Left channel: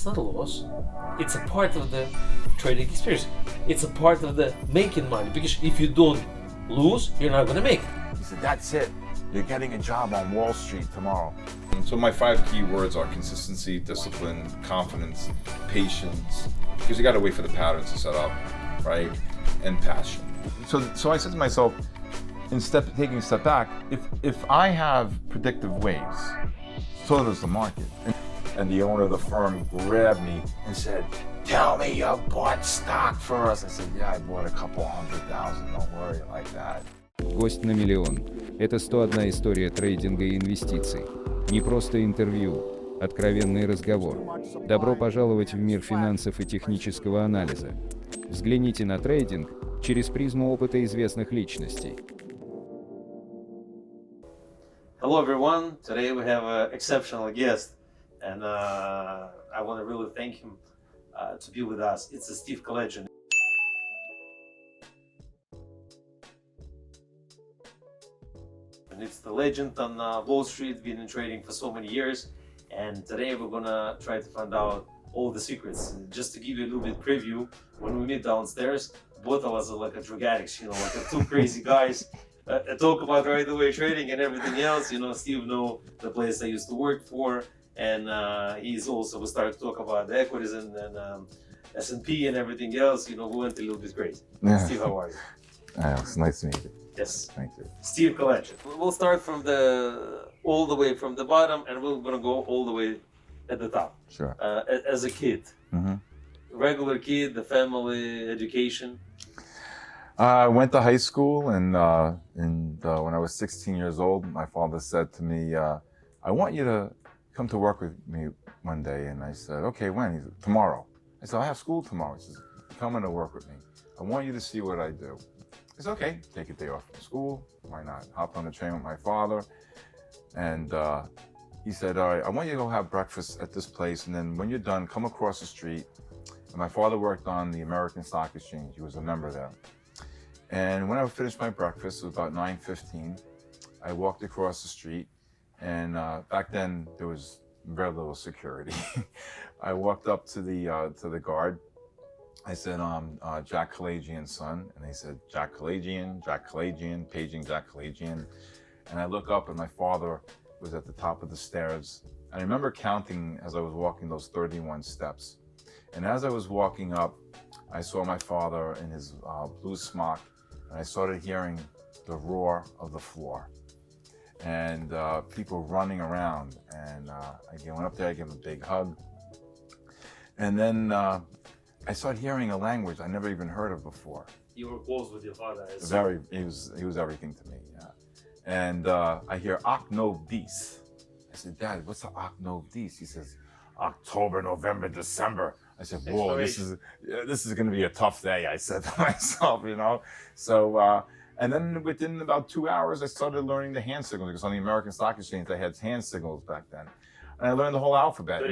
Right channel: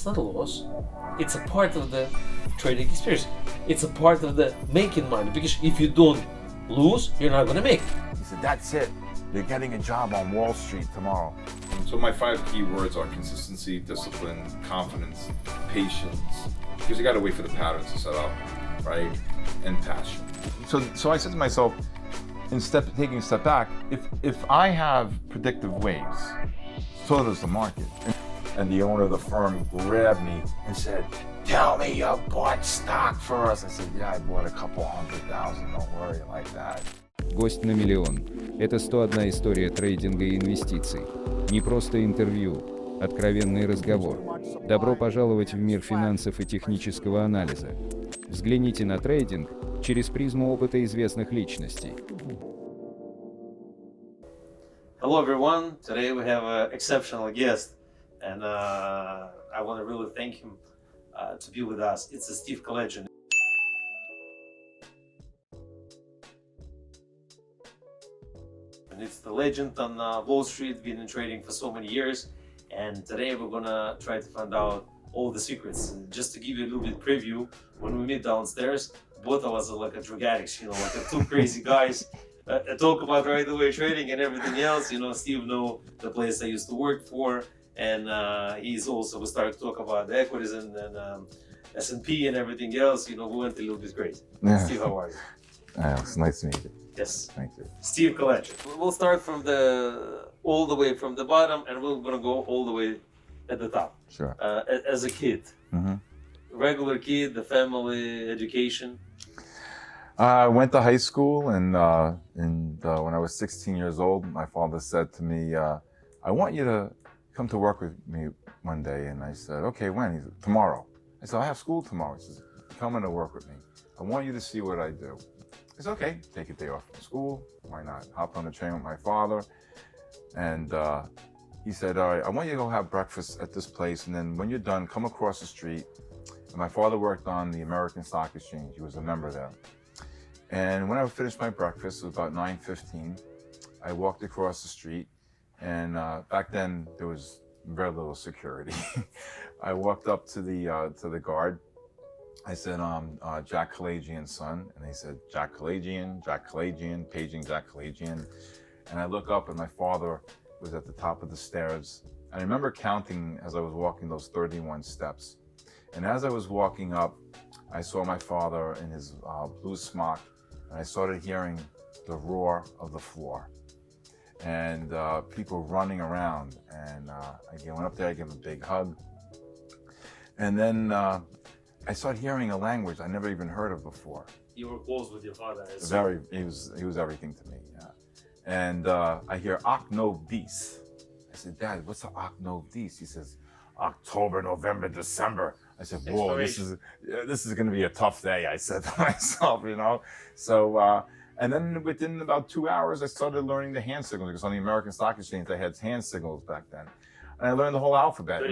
It's not a loss. It's a part of the trading experience. It's a part of the making money, because if you don't lose, you're not gonna make it. He said, that's it. You're getting a job on Wall Street tomorrow. So my 5 key words are consistency, discipline, confidence, patience, because you got to wait for the patterns to set up, right? And passion. So I said to myself, taking a step back, if I have predictive ways, so does the market. And the owner of the firm grabbed me and said, tell me you bought stock for us. I said, yeah, I bought a couple 100,000, don't worry like that. Гость на миллион. Это 101 история трейдинга и инвестиций. Не просто интервью, откровенный разговор. Добро пожаловать в мир финансов и технического анализа. Взгляните на трейдинг через призму опыта известных личностей. Hello everyone, today we have an exceptional guest, and I want to really thank him to be with us. It's Steve Kalayjian. And it's the legend on Wall Street, been in trading for so many years, and today we're gonna try to find out all the secrets. Just to give you a little bit preview, when we meet downstairs, both of us are like a drug addicts, like two crazy guys. Talk about right away trading and everything else. Steve know the place I used to work for, and he's also, we started to talk about the equities and S&P and everything else. We went a little bit crazy. Yeah. Steve, how are you? It's nice to meet you. Yes. Thank you. Steve Kalayjian. We'll start from all the way from the bottom, and we're gonna go all the way at the top. Sure. As a kid, regular kid, the family, education. I went to high school, and when I was 16 years old, my father said to me, I want you to come to work with me one day. And I said, okay, when? He said, tomorrow. I said, I have school tomorrow. He says, come in to work with me. I want you to see what I do. I said, okay, take a day off from school. Why not? Hopped on the train with my father. And he said, all right, I want you to go have breakfast at this place. And then when you're done, come across the street. And my father worked on the American Stock Exchange. He was a member there. And when I finished my breakfast, it was about 9:15, I walked across the street, and back then there was very little security. I walked up to the guard. I said, Jack Kalayjian's son, and they said, Jack Kalayjian, paging Jack Kalayjian. And I look up, and my father was at the top of the stairs. And I remember counting as I was walking those 31 steps. And as I was walking up, I saw my father in his blue smock, and I started hearing the roar of the floor and people running around. And I went up there, I gave him a big hug. And then I started hearing a language I never even heard of before. You were close with your father. He was everything to me, yeah. And I hear Ak no Dis. I said, Dad, what's the Ak no Dis? He says, October, November, December. I said, whoa, this is going to be a tough day, I said to myself, So, and then within about 2 hours, I started learning the hand signals, because on the American Stock Exchange, they had hand signals back then. And I learned the whole alphabet.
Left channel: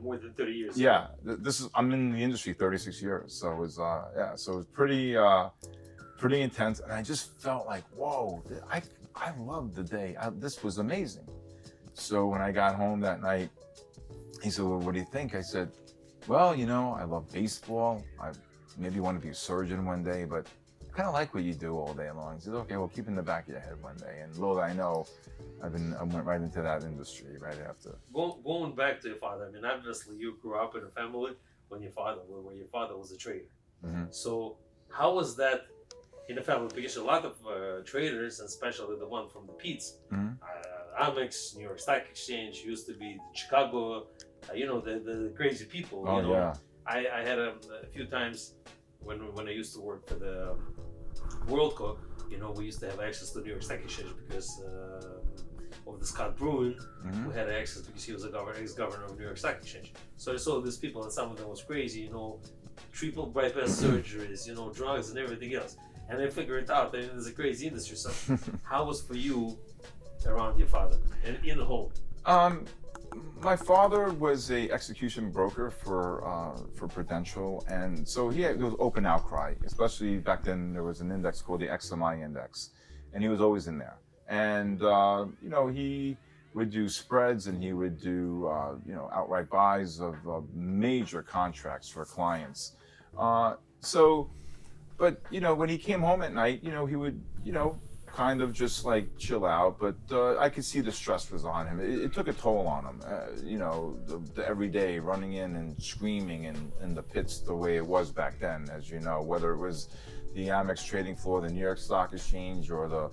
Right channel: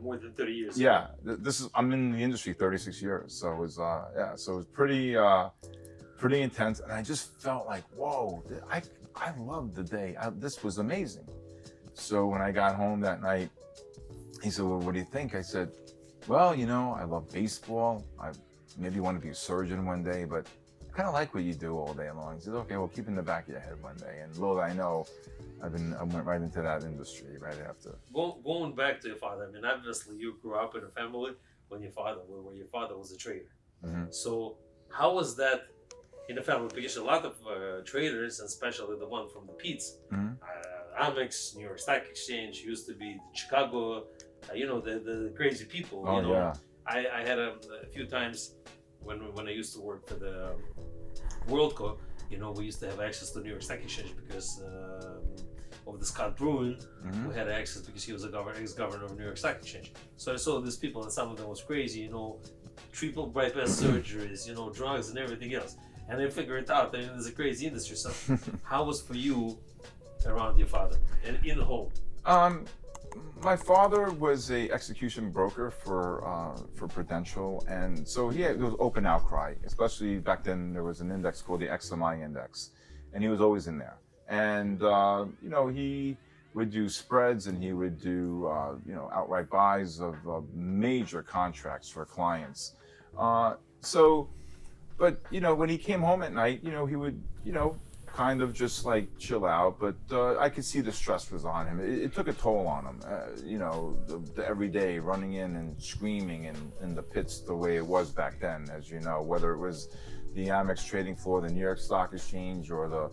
More than 30 years. Yeah, I'm in the industry 36 years. So it was, so it was pretty intense. And I just felt like, whoa, I loved the day. This was amazing. So when I got home that night, he said, well, what do you think? I said, well, I love baseball. I maybe want to be a surgeon one day, but I kind of like what you do all day long. He said, okay, well, keep in the back of your head one day. And little I know, I went right into that industry right after. Going back to your father, obviously you grew up in a family where your father was a trader. So how was that in the family? Because a lot of traders, and especially the one from the Pete's, Amex, New York Stock Exchange, used to be Chicago, the crazy people. Yeah. I had a few times when I used to work for the World Cup, we used to have access to New York Stock Exchange because of the Scott Bruin, who had access because he was ex-governor of New York Stock Exchange. So I saw these people, and some of them was crazy, triple bypass surgeries, drugs and everything else. And I figured it out. There's a crazy industry. So how was for you around your father and in the home? My father was a execution broker for Prudential, and so there was open outcry. Especially back then, there was an index called the XMI index, and he was always in there. And would do spreads, and he would do outright buys of major contracts for clients. But when he came home at night, he would kind of just like chill out, but I could see the stress was on him. It took a toll on him, the every day running in and screaming in the pits the way it was back then, as you know, whether it was the Amex trading floor, the New York Stock Exchange, or the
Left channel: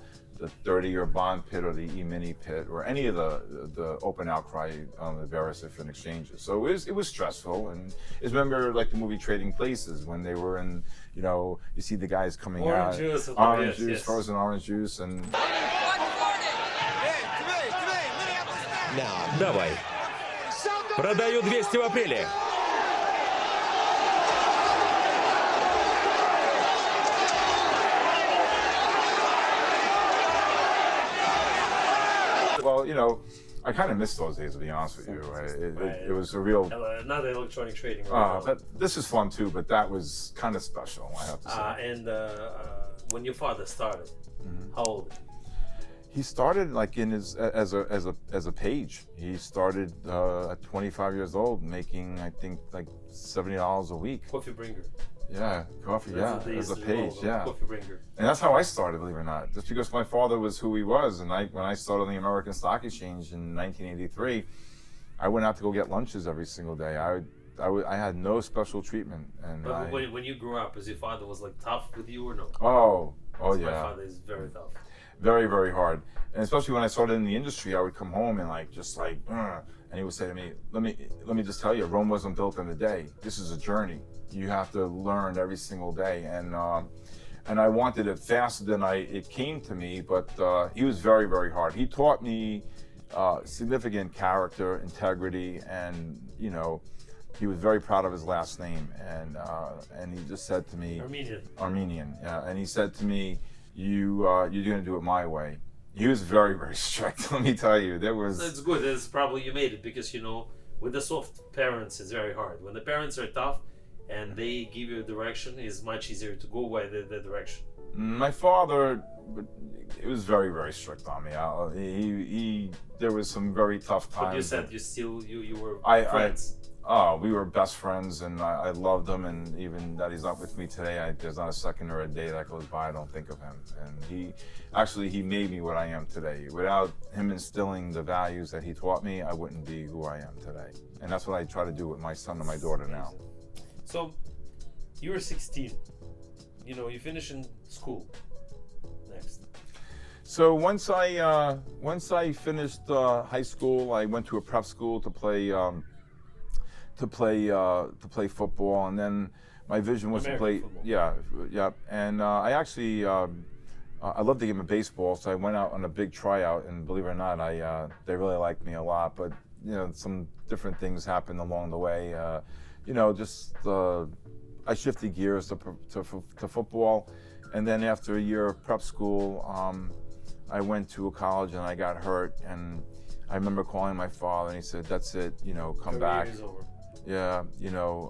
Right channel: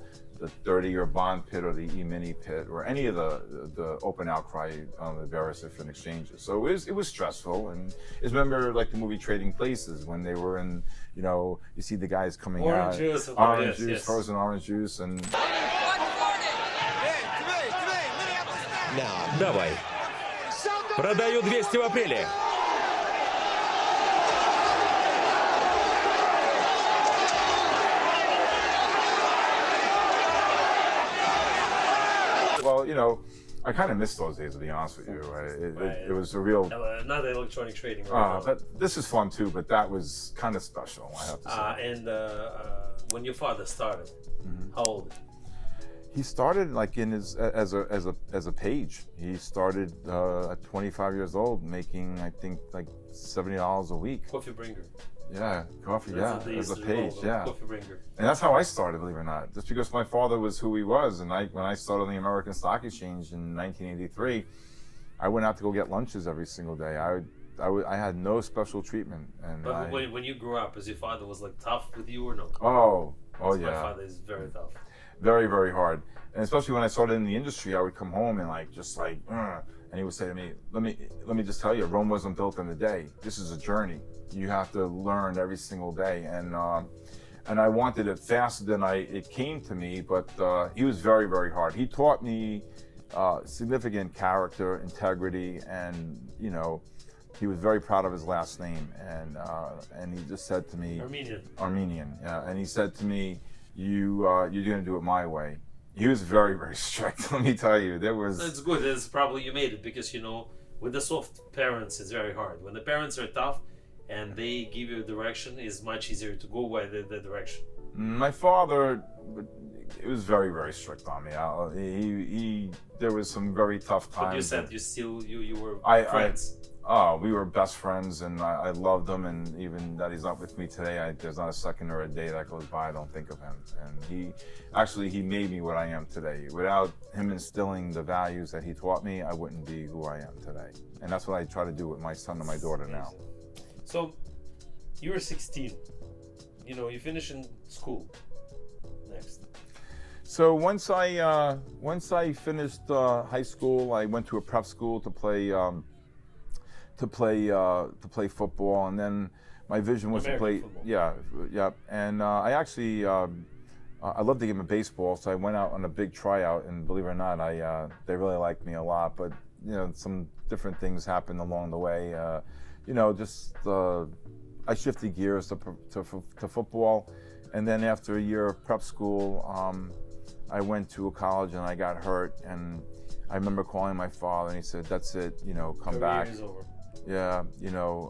30-year bond pit, or the E-mini pit, or any of the open outcry on the various different exchanges. So it was stressful. And I remember like the movie Trading Places, when they were in, you see the guys coming Orange out, juice, orange yes, juice, yes. frozen orange juice, and Давай. Продаю 200 в апреле. well, I kind of miss those days, to be honest with you. It was a real. Not electronic trading. But this is fun too. But that was kind of special, I have to say. And when your father started, how old? He started like as a page. He started at 25 years old, making I think like $70 a week. Coffee bringer. Yeah, coffee. Yeah, as a page. Yeah, coffee bringer. and that's how I started, believe it or not. Just because my father was who he was, and when I started on the American Stock Exchange in 1983, I went out to go get lunches every single day. I had no special treatment. And But when you grew up, was your father was like tough with you or no? Oh yeah. My father is very tough. Very, very hard. And especially when I started in the industry, I would come home and and he would say to me, let me just tell you, Rome wasn't built in a day. This is a journey. You have to learn every single day. And I wanted it faster than it came to me, but he was very, very hard. He taught me significant character, integrity, and he was very proud of his last name. And he just said to me, Armenian. Yeah. And he said to me, you're going to do it my way. He was very, very strict. Let me tell you, That's good. That's probably you made it because with the soft parents, it's very hard. When the parents are tough and they give you direction, it's much easier to go by the direction. My father, it was very, very strict on me. There was some very tough times. But you said you were friends. We were best friends, and I loved him. And even that he's not with me today, there's not a second or a day that goes by I don't think of him. And he made me what I am today. Without him instilling the values that he taught me, I wouldn't be who I am today. And that's what I try to do with my son and my daughter now. So, you were 16. You finish in school. Next. So once I finished high school, I went to a prep school to play football, and then my vision was to play football. Yeah. And I actually I love the game of baseball, so I went out on a big tryout, and believe it or not, they really liked me a lot. But some different things happened along the way. I shifted gears to football, and then after a year of prep school, I went to a college and I got hurt, and I remember calling my father, and he said, "That's it, come back." Yeah,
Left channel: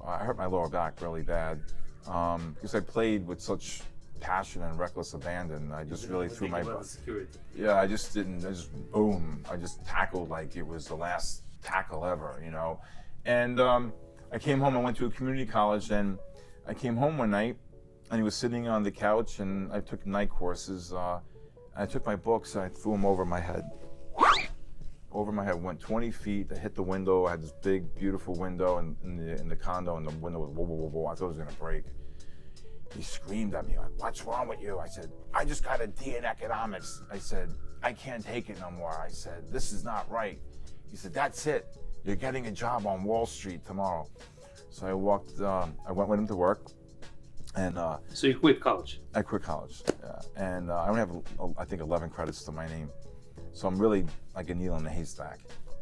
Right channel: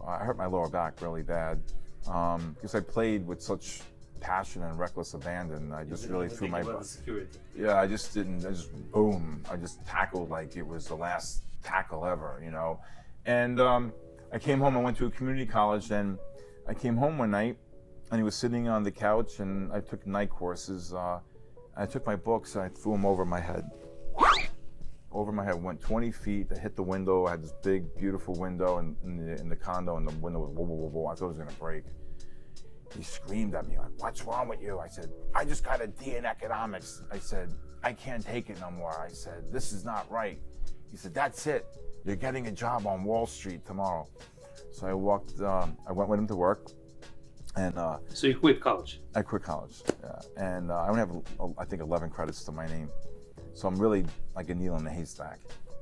I hurt my lower back really bad because I played with such passion and reckless abandon. I just really threw my butt. Yeah, I just tackled like it was the last tackle ever, And I came home. I went to a community college, and I came home one night, and he was sitting on the couch, and I took night courses. I took my books and I threw them over my head. Went 20 feet. I hit the window. I had this big, beautiful window in the condo, and the window was whoa, whoa, whoa, whoa. I thought it was gonna break. He screamed at me like, "What's wrong with you?" I said, "I just got a D in economics." I said, "I can't take it no more." I said, "This is not right." He said, "That's it. You're getting a job on Wall Street tomorrow." So I went with him to work. And so you quit college? I quit college, yeah. And I only have, I think, 11 credits to my name. So I'm really like a needle in a haystack.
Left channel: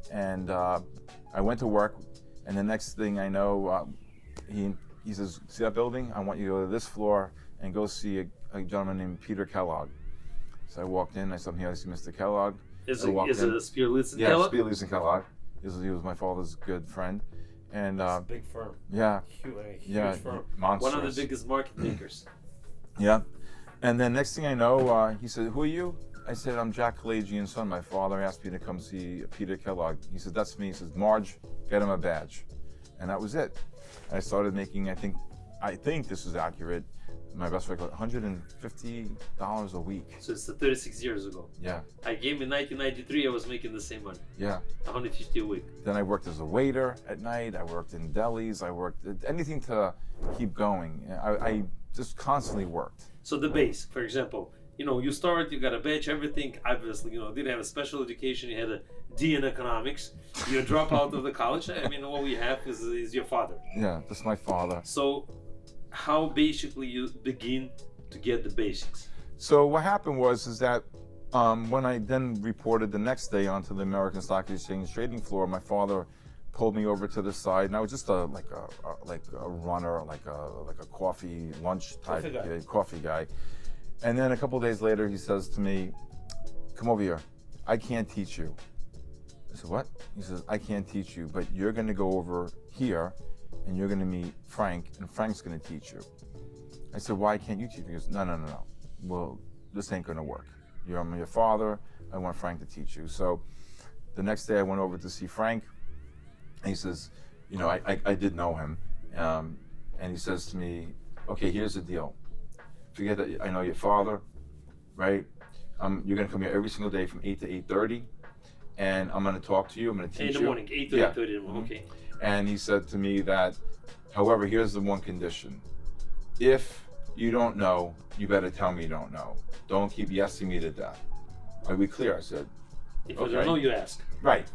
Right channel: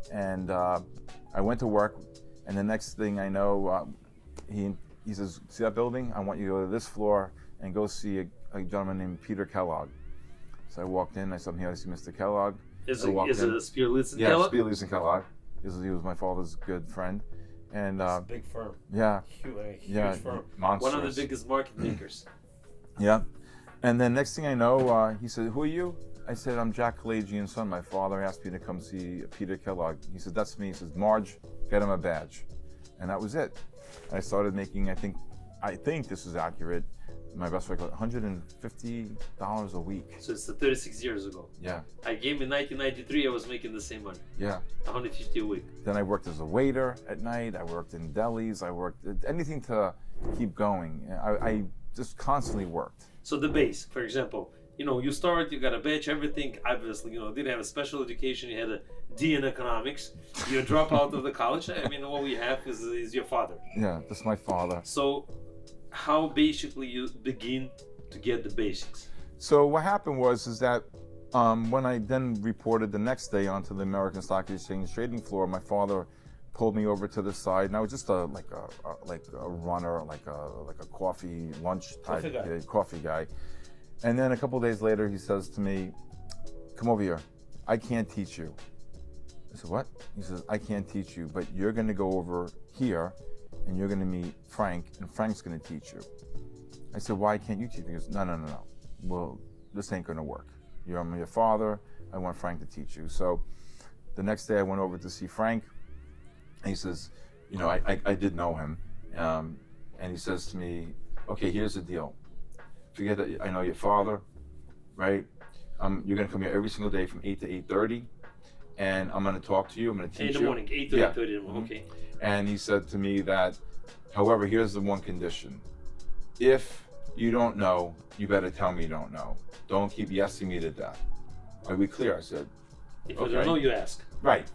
And I went to work, and the next thing I know, he says, "See that building? I want you to go to this floor and go see a gentleman named Peter Kellogg." So I walked in. I said, "I'm here to see Mr. Kellogg." Is it Spearlitz yeah, Kellogg? Yeah, Spearlitz and Kellogg. He was my father's good friend. And it's a big firm. Yeah. Huge firm. Monstrous. One of the biggest market makers. Yeah. And then next thing I know, he said, "Who are you?" I said, I'm Jack Kalayjian's son. My father asked me to come see Peter Kellogg. He said, that's me. He says, Marge, get him a badge. And that was it. I started making, I think this is accurate, my best record, $150 a week. So it's 36 years ago. Yeah. I came in 1993, I was making the same money. Yeah. 150 a week. Then I worked as a waiter at night. I worked in delis. I worked anything to keep going. I just constantly worked. So the base, for example, you start, you got a badge, everything, obviously, didn't have a special education, you had a D in economics, you drop out of the college. I mean, all we have is your father. Yeah, that's my father. So how basically you begin to get the basics? So what happened was that when I then reported the next day onto the American Stock Exchange trading floor, my father pulled me over to the side, and I was just like a runner, like a coffee lunch type coffee guy. And then a couple of days later, he says to me, "Come over here. I can't teach you." I said, "What?" He says, "I can't teach you, but you're going to go over here, and you're going to meet Frank, and Frank's going to teach you." I said, "Why can't you teach me?" He goes, No. Well, this ain't going to work. I'm your father. I want Frank to teach you. So the next day, I went over to see Frank, and he says, I did know him, and he says to me, "Okay, here's the deal. Forget that I know your father, right? You're going to come here every single day from 8 to 8:30, and I'm going to talk to you. I'm going to teach you." In the morning, 8 to 8:30 in the morning, okay. And he said to me that, however, here's the one condition. If you don't know, you better tell me you don't know. Don't keep yesing me to death. Are we clear? I said, If okay. you don't know, you ask. Right.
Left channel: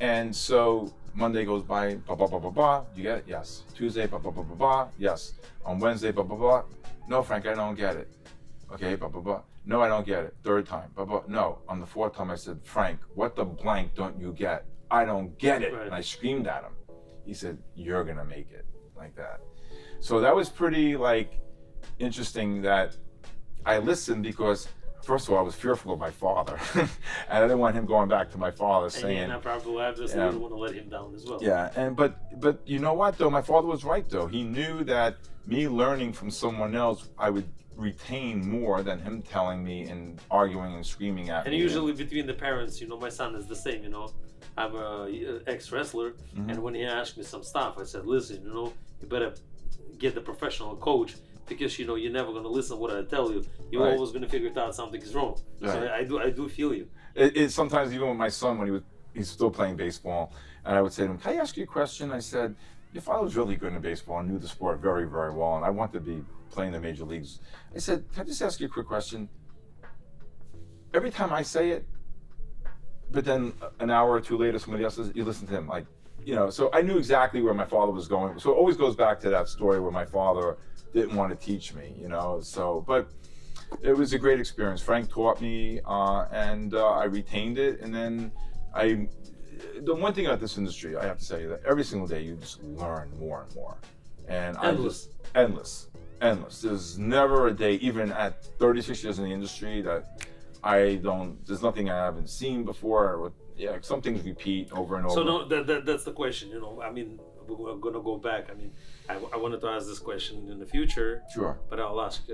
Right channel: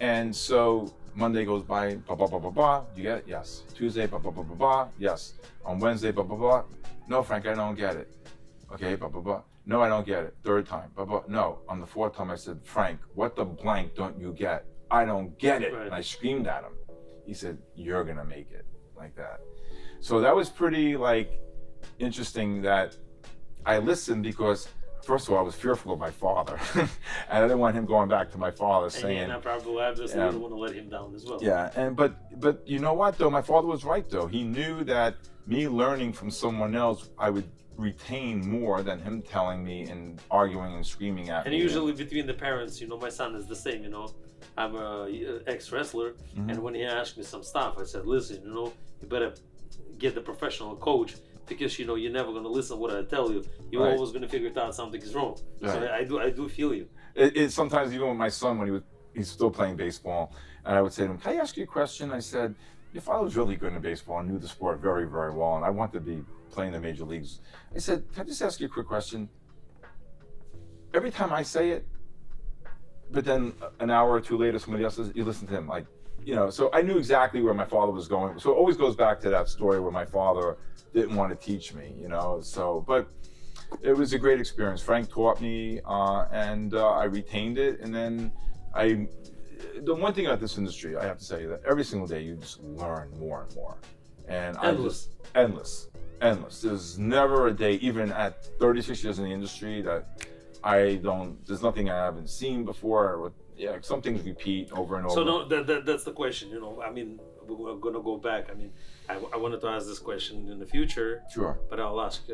And so Monday goes by, blah, blah, blah, blah, blah. You get it? Yes. Tuesday, blah, blah, blah, blah, blah. Yes. On Wednesday, blah, blah, blah. No, Frank, I don't get it. Okay, blah, blah, blah. No, I don't get it. Third time, blah, blah. No. On the fourth time, I said, "Frank, what the blank don't you get? I don't get it." Right. And I screamed at him. He said, "You're going to make it," like that. So that was pretty interesting that I listened, because first of all, I was fearful of my father. And I didn't want him going back to my father saying, and probably obviously you don't want to let him down as well. Yeah, but you know what though? My father was right though. He knew that me learning from someone else, I would retain more than him telling me and arguing and screaming at me. And usually between the parents, my son is the same, I'm a ex-wrestler, and when he asked me some stuff, I said, "Listen, you better get the professional coach, because you're never going to listen to what I tell you. You're Right. always going to figure out something is wrong." Right. So I do feel you. It sometimes, even with my son, when he's still playing baseball, and I would say to him, "Can I ask you a question?" I said, "Your father was really good in baseball and knew the sport very, very well, and I wanted to be playing the major leagues." I said, "Can I just ask you a quick question? Every time I say it, but then an hour or two later, somebody else says, you listen to him." So I knew exactly where my father was going. So it always goes back to that story where my father didn't want to teach me, but it was a great experience. Frank taught me, and I retained it. And then the one thing about this industry, I have to say, that every single day you just learn more and more. And endless. There's never a day, even at 36 years in the industry, that there's nothing I haven't seen before. Yeah, some things repeat over and over. So no, that's the question, I mean, we're going to go back. I mean, I wanted to ask this question in the future. Sure. But I'll ask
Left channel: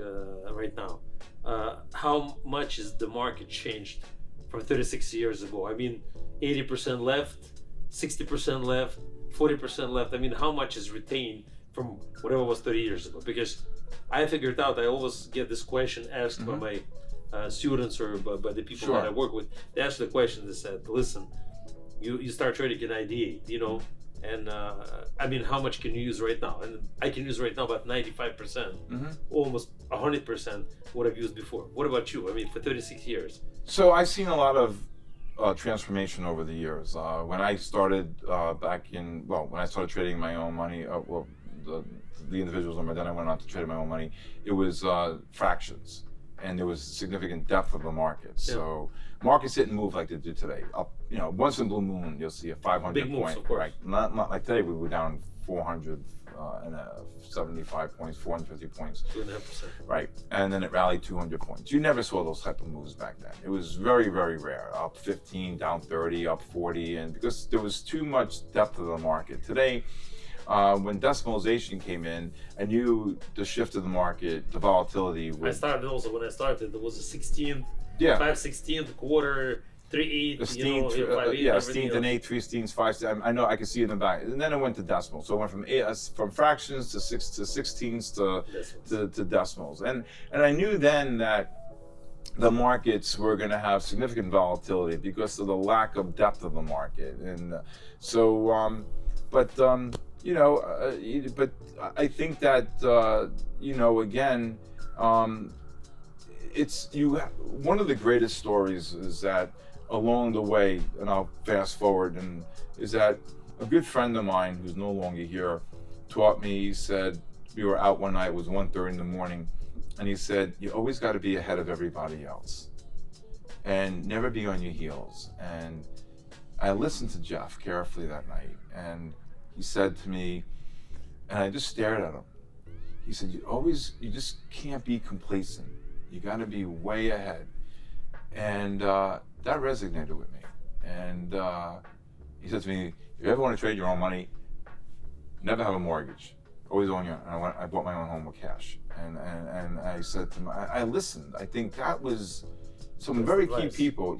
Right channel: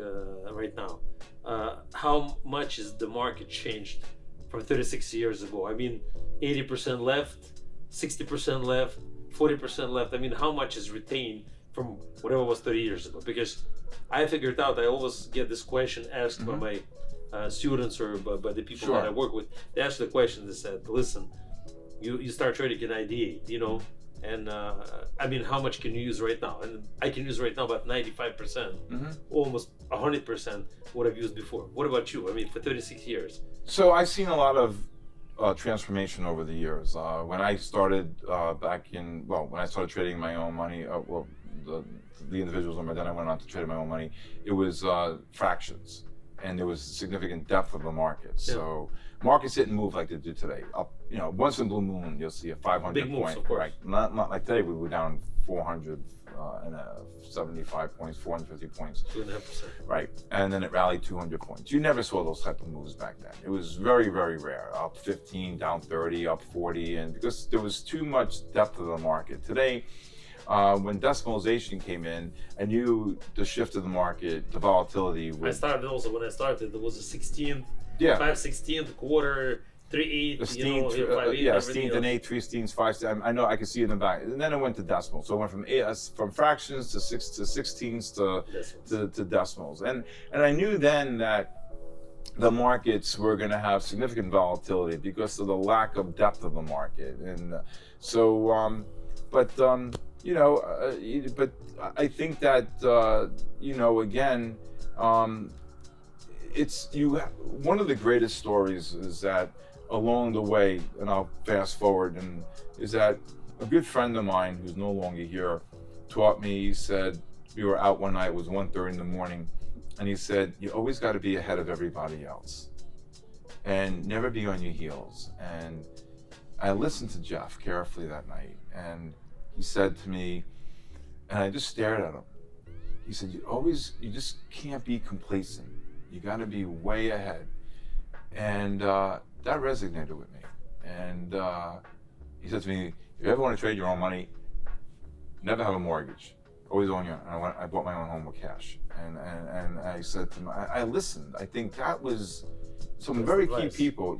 right now. How much is the market changed from 36 years ago? I mean, 80% left, 60% left, 40% left. I mean, how much is retained from whatever was 30 years ago? Because I figured out, I always get this question asked by my students or by the people Sure. that I work with. They ask the question, they said, "Listen, you start trading in 98, and I mean, how much can you use right now?" And I can use right now about 95%, almost 100% what I've used before. What about you? I mean, for 36 years. So I've seen a lot of transformation over the years. When I started when I started trading my own money, the individuals on my, then I went on to trade my own money, it was fractions. And there was significant depth of the market. Yeah. So markets didn't move like they do today. Up, once in a blue moon, you'll see a 500 Big moves, point. of course. Right. Not like today. We were down 475 points, 450 points. 2.5%. Right. And then it rallied 200 points. You never saw those type of moves back then. It was very, very rare. Up 15, down 30, up 40, and because there was too much depth of the market. Today, when decimalization came in, I knew the shift of the market, the volatility. When I started, there was a 16th Yeah. 5/16, quarter, 3/8, A steen, 5/8, yeah, a everything steen, an else. 8, 3 steens, 5 steens. I know, I can see it in the back. And then it went to decimals. So it went from fractions to 16s to decimals. And I knew then that the markets were going to have significant volatility because of the lack of depth of the market. And so, but I think that, again, one of the greatest stories is that along the way, and I'll fast forward, and is that a good friend of mine who's no longer here taught me. He said, we were out one night, it was 1:30 in the morning, and he said, you always got to be ahead of everybody else and never be on your heels. And I listened to Jeff carefully that night, and he said to me, and I just stared at him. He said, you just can't be complacent. You got to be way ahead. And that resonated with me. And he said to me, if you ever want to trade your own money, never have a mortgage. Always own your own. I bought my own home with cash. And I said to him, I listened. I think that was some very key people,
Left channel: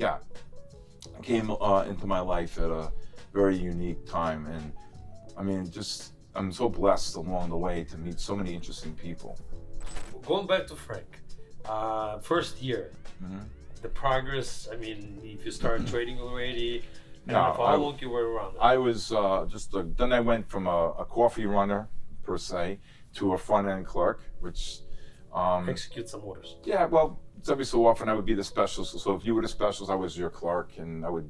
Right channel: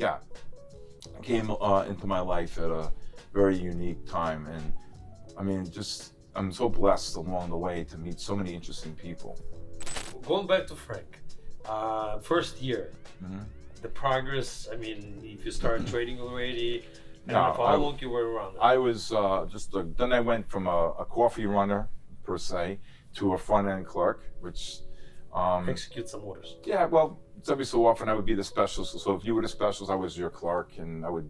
came into my life at a very unique time. And I mean, I'm so blessed along the way to meet so many interesting people. Going back to Frank, first year, the progress, I mean, if you started trading already, how long you were around? I was then I went from a coffee runner, per se, to a front-end clerk, which... execute some orders. Yeah, well, every so often I would be the specialist. So if you were the specialist, I was your clerk, and I would,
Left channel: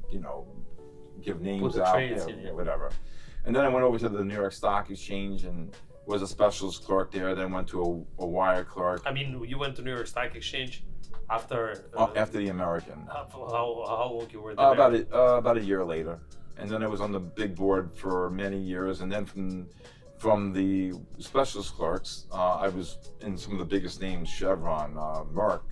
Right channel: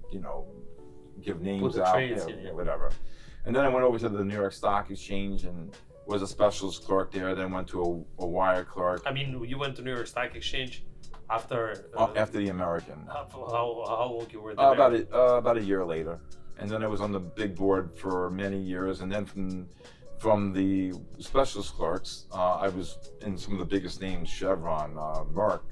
give names out, whatever. And then I went over to the New York Stock Exchange and was a specialist clerk there. Then went to a wire clerk. I mean, you went to New York Stock Exchange after the American. How long you were there? About a year later, and then I was on the big board for many years. And then from the specialist clerks, I was in some of the biggest names: Chevron, Merck,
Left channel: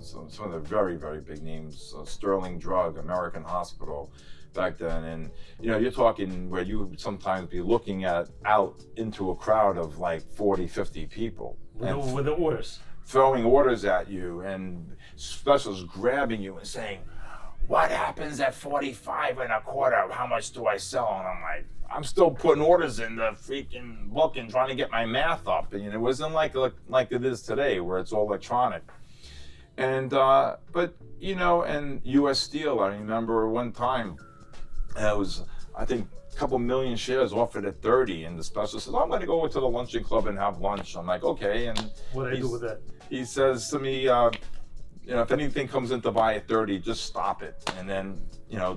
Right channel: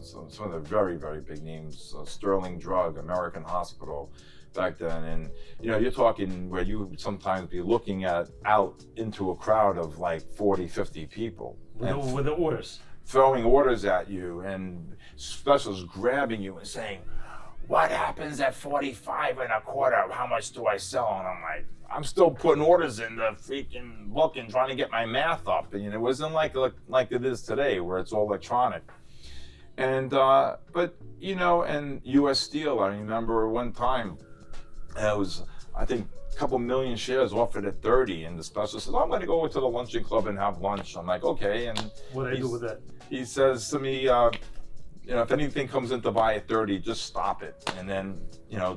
some of the very, very big names, Sterling Drug, American Hospital. Back then, and you're talking where you would sometimes be looking out into a crowd of like 40, 50 people with the orders, throwing orders at you, and specialists grabbing you and saying, what happens at 45 and a quarter? How much do I sell? And I'm like, I'm still putting orders in the freaking book and trying to get my math up. And it wasn't like it is today where it's all electronic. And but and US Steel, I remember one time, it was, I think, a couple million shares offered at 30, and the specialist says, I'm going to go over to the luncheon club and have lunch. I'm like, okay. And what do I do with that? He says to me, if anything comes in to buy at 30, just stop it. And then,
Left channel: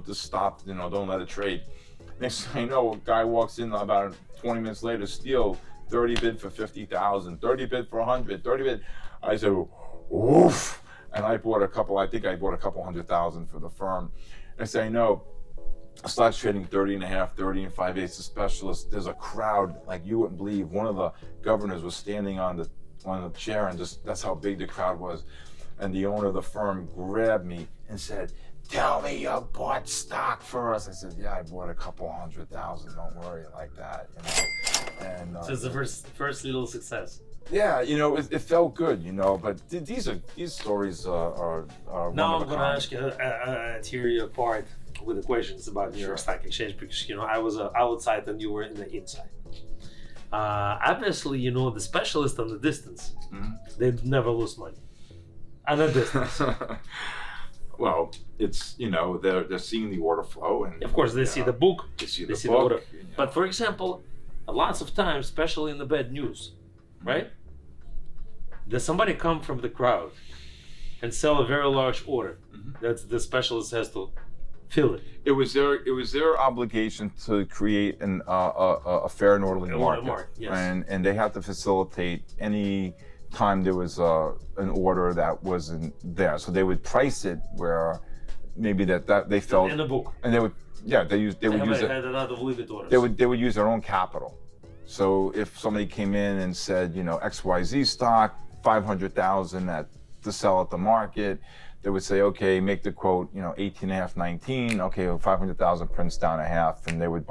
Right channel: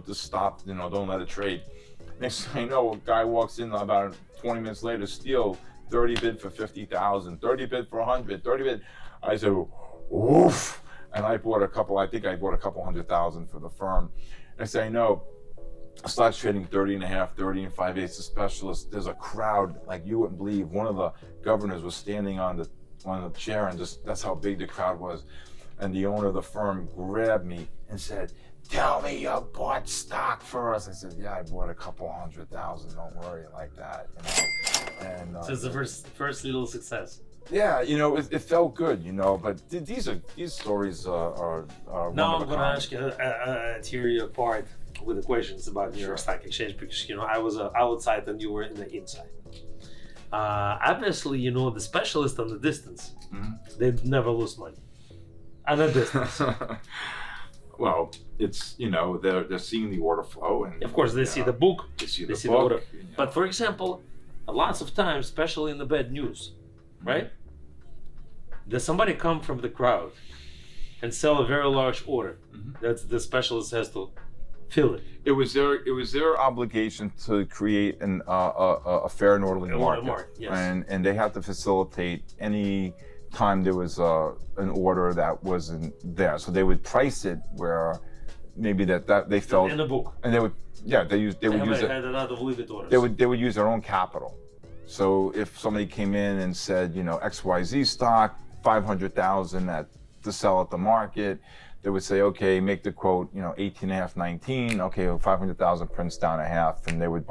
just stop, don't let it trade. Next thing I know, a guy walks in about 20 minutes later, Steel, 30 bid for 50,000, 30 bid for 100, 30 bid. I said, oof. And I bought a couple 100,000 for the firm. Next thing I know, stocks trading 30 and a half, 30 and 5/8 specialist. There's a crowd like you wouldn't believe. One of the governors was standing on the chair, and that's how big the crowd was. And the owner of the firm grabbed me and said, tell me you bought stock for us. I said, yeah, I bought a couple 100,000. Don't worry like that, And so it's the first little success. Yeah, it felt good, but these stories are now I'm going to ask you a theory part with the questions about New York Stock Exchange, because I was outside and you were in the inside. Obviously, the specialists on the distance, they never lose money on the distance. Well, it's they're seeing the order flow, and of course they see the book, they see the order. But for example, lots of times, especially in the bad news, right? Does somebody come from the crowd and sell a very large order that the specialist has to fill it? It was their obligation to create a fair and orderly market. Yes. And they had to facilitate any time there was an order that wasn't there. So they would price it where maybe that they felt in the book. And they would use had a lot of limit orders. They would use their own capital. So if somebody came in and said, XYZ stock, 500,000 to sell at the market, they would say, okay, make the quote, 18 and a half, 19. Okay, 500,000 prints down a half, and they would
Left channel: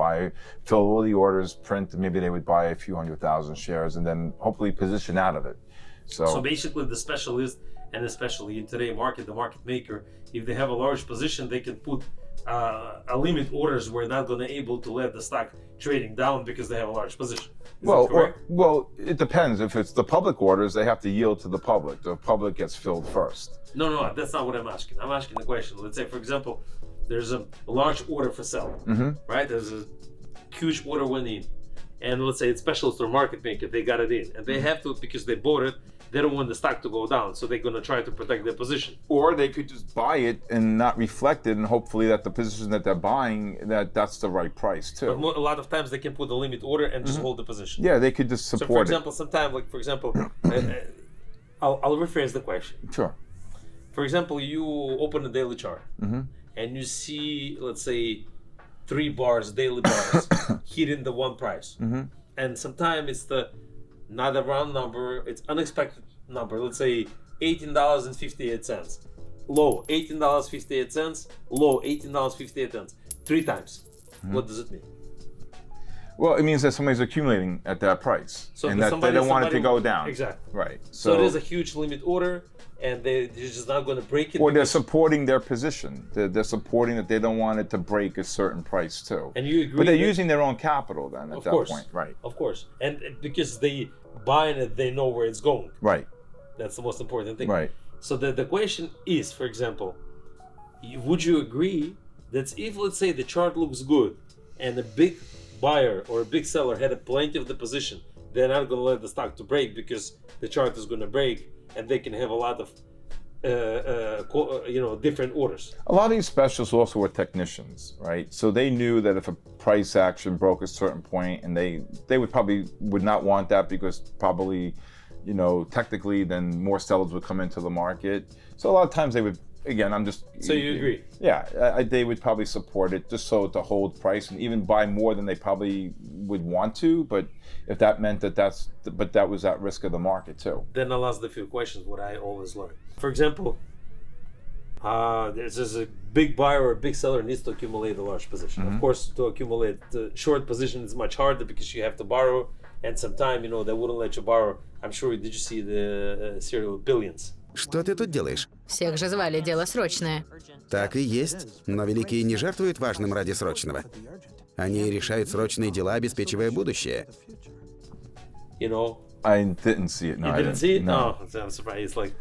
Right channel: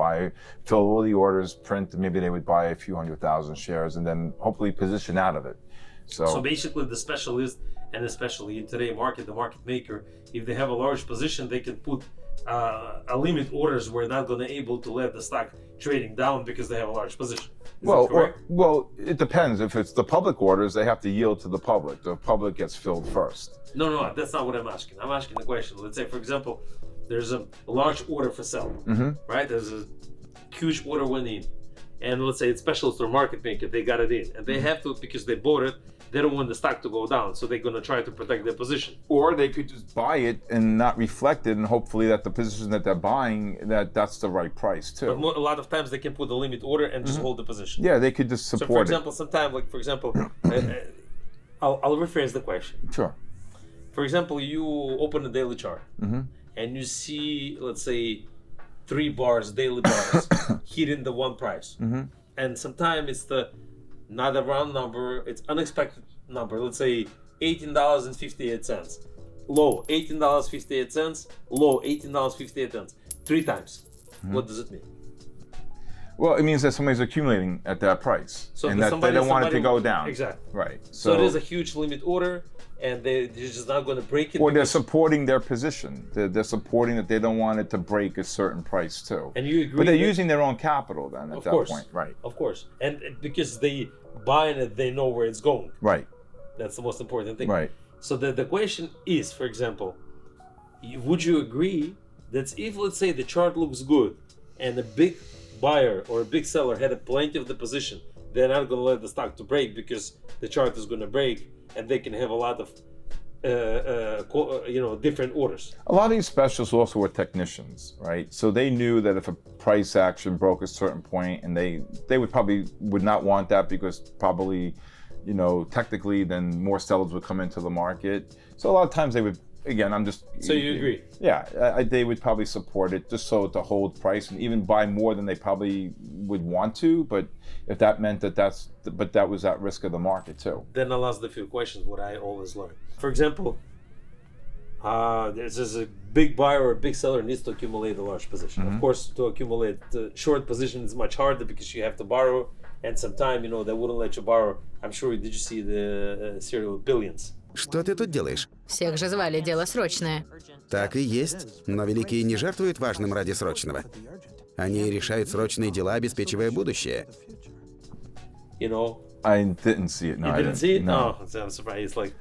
fill all the orders, print, and maybe they would buy a few 100,000 shares, and then hopefully position out of it. So basically, the specialist and especially in today's market, the market maker, if they have a large position, they can put a limit orders where they're not going to able to let the stock trading down because they have a large position. Is that correct? Well, it depends. If it's the public orders, they have to yield to the public. The public gets filled first. No, that's not what I'm asking. I'm asking the question. Let's say, for example, there's a large order for sale, right? There's a huge order went in, and let's say it's specialist or market maker, they got it in, and they have to, because they bought it, they don't want the stock to go down, so they're going to try to protect their position. Or they could just buy it and not reflect it, and hopefully that the position that they're buying, that's the right price too. But a lot of times they can put a limit order and just hold the position. Yeah, they could just support it. So for example, sometimes, like for example, I'll rephrase the question. Sure. For example, you open a daily chart and you see, let's say, 3 bars, daily bars, hitting the one price. And sometimes it's not a round number, it's unexpected number. Let's say $18.58. Low, $18.58. Low, $18.58. 3 times. What does it mean? Well, it means that somebody's accumulating at that price, So and that they don't want it to go down. Exactly. Right. So it is a huge limit order, and they're just not going to break it. Or they're supporting their position. They're supporting that they don't want it to break a certain price too. And you agree? But they're using their own capital then at that point. Right. Of course. And because they buying it, they know where it's going. Right. That's the most important thing. Right. So the question is, for example, would you agree that if, let's say, the chart looks good and a big buyer or a big seller had a plenty of the position, they're not going to let the stock to break because the chart is going to break, and they can have a lot of different orders. A lot of these specialists also were technicians, right? So they knew that if a price action broke a certain point, and they would not want that, because probably, technically then more sellers would come into the market. So a lot of times they would, again, So you agree? Yeah, they would probably support it just so to hold price and even buy more than they probably would want to. But if that meant that was at risk of the market too. Then I'll ask the few questions what I always learn. For example, there's a big buyer or a big seller needs to accumulate a large position. Of course, to accumulate the short position is much harder because you have to borrow, and sometimes they wouldn't let you borrow. I'm sure, did you see the serial Billions? Что ты тут делаешь? Всех же звали, дело срочное. Так и есть, но великие не жертвуют важным ради срочного. Они решают срочные дела, обеспечивая будущее. I didn't see it. No, You I didn't see it? No. No, I'm surprised. It's like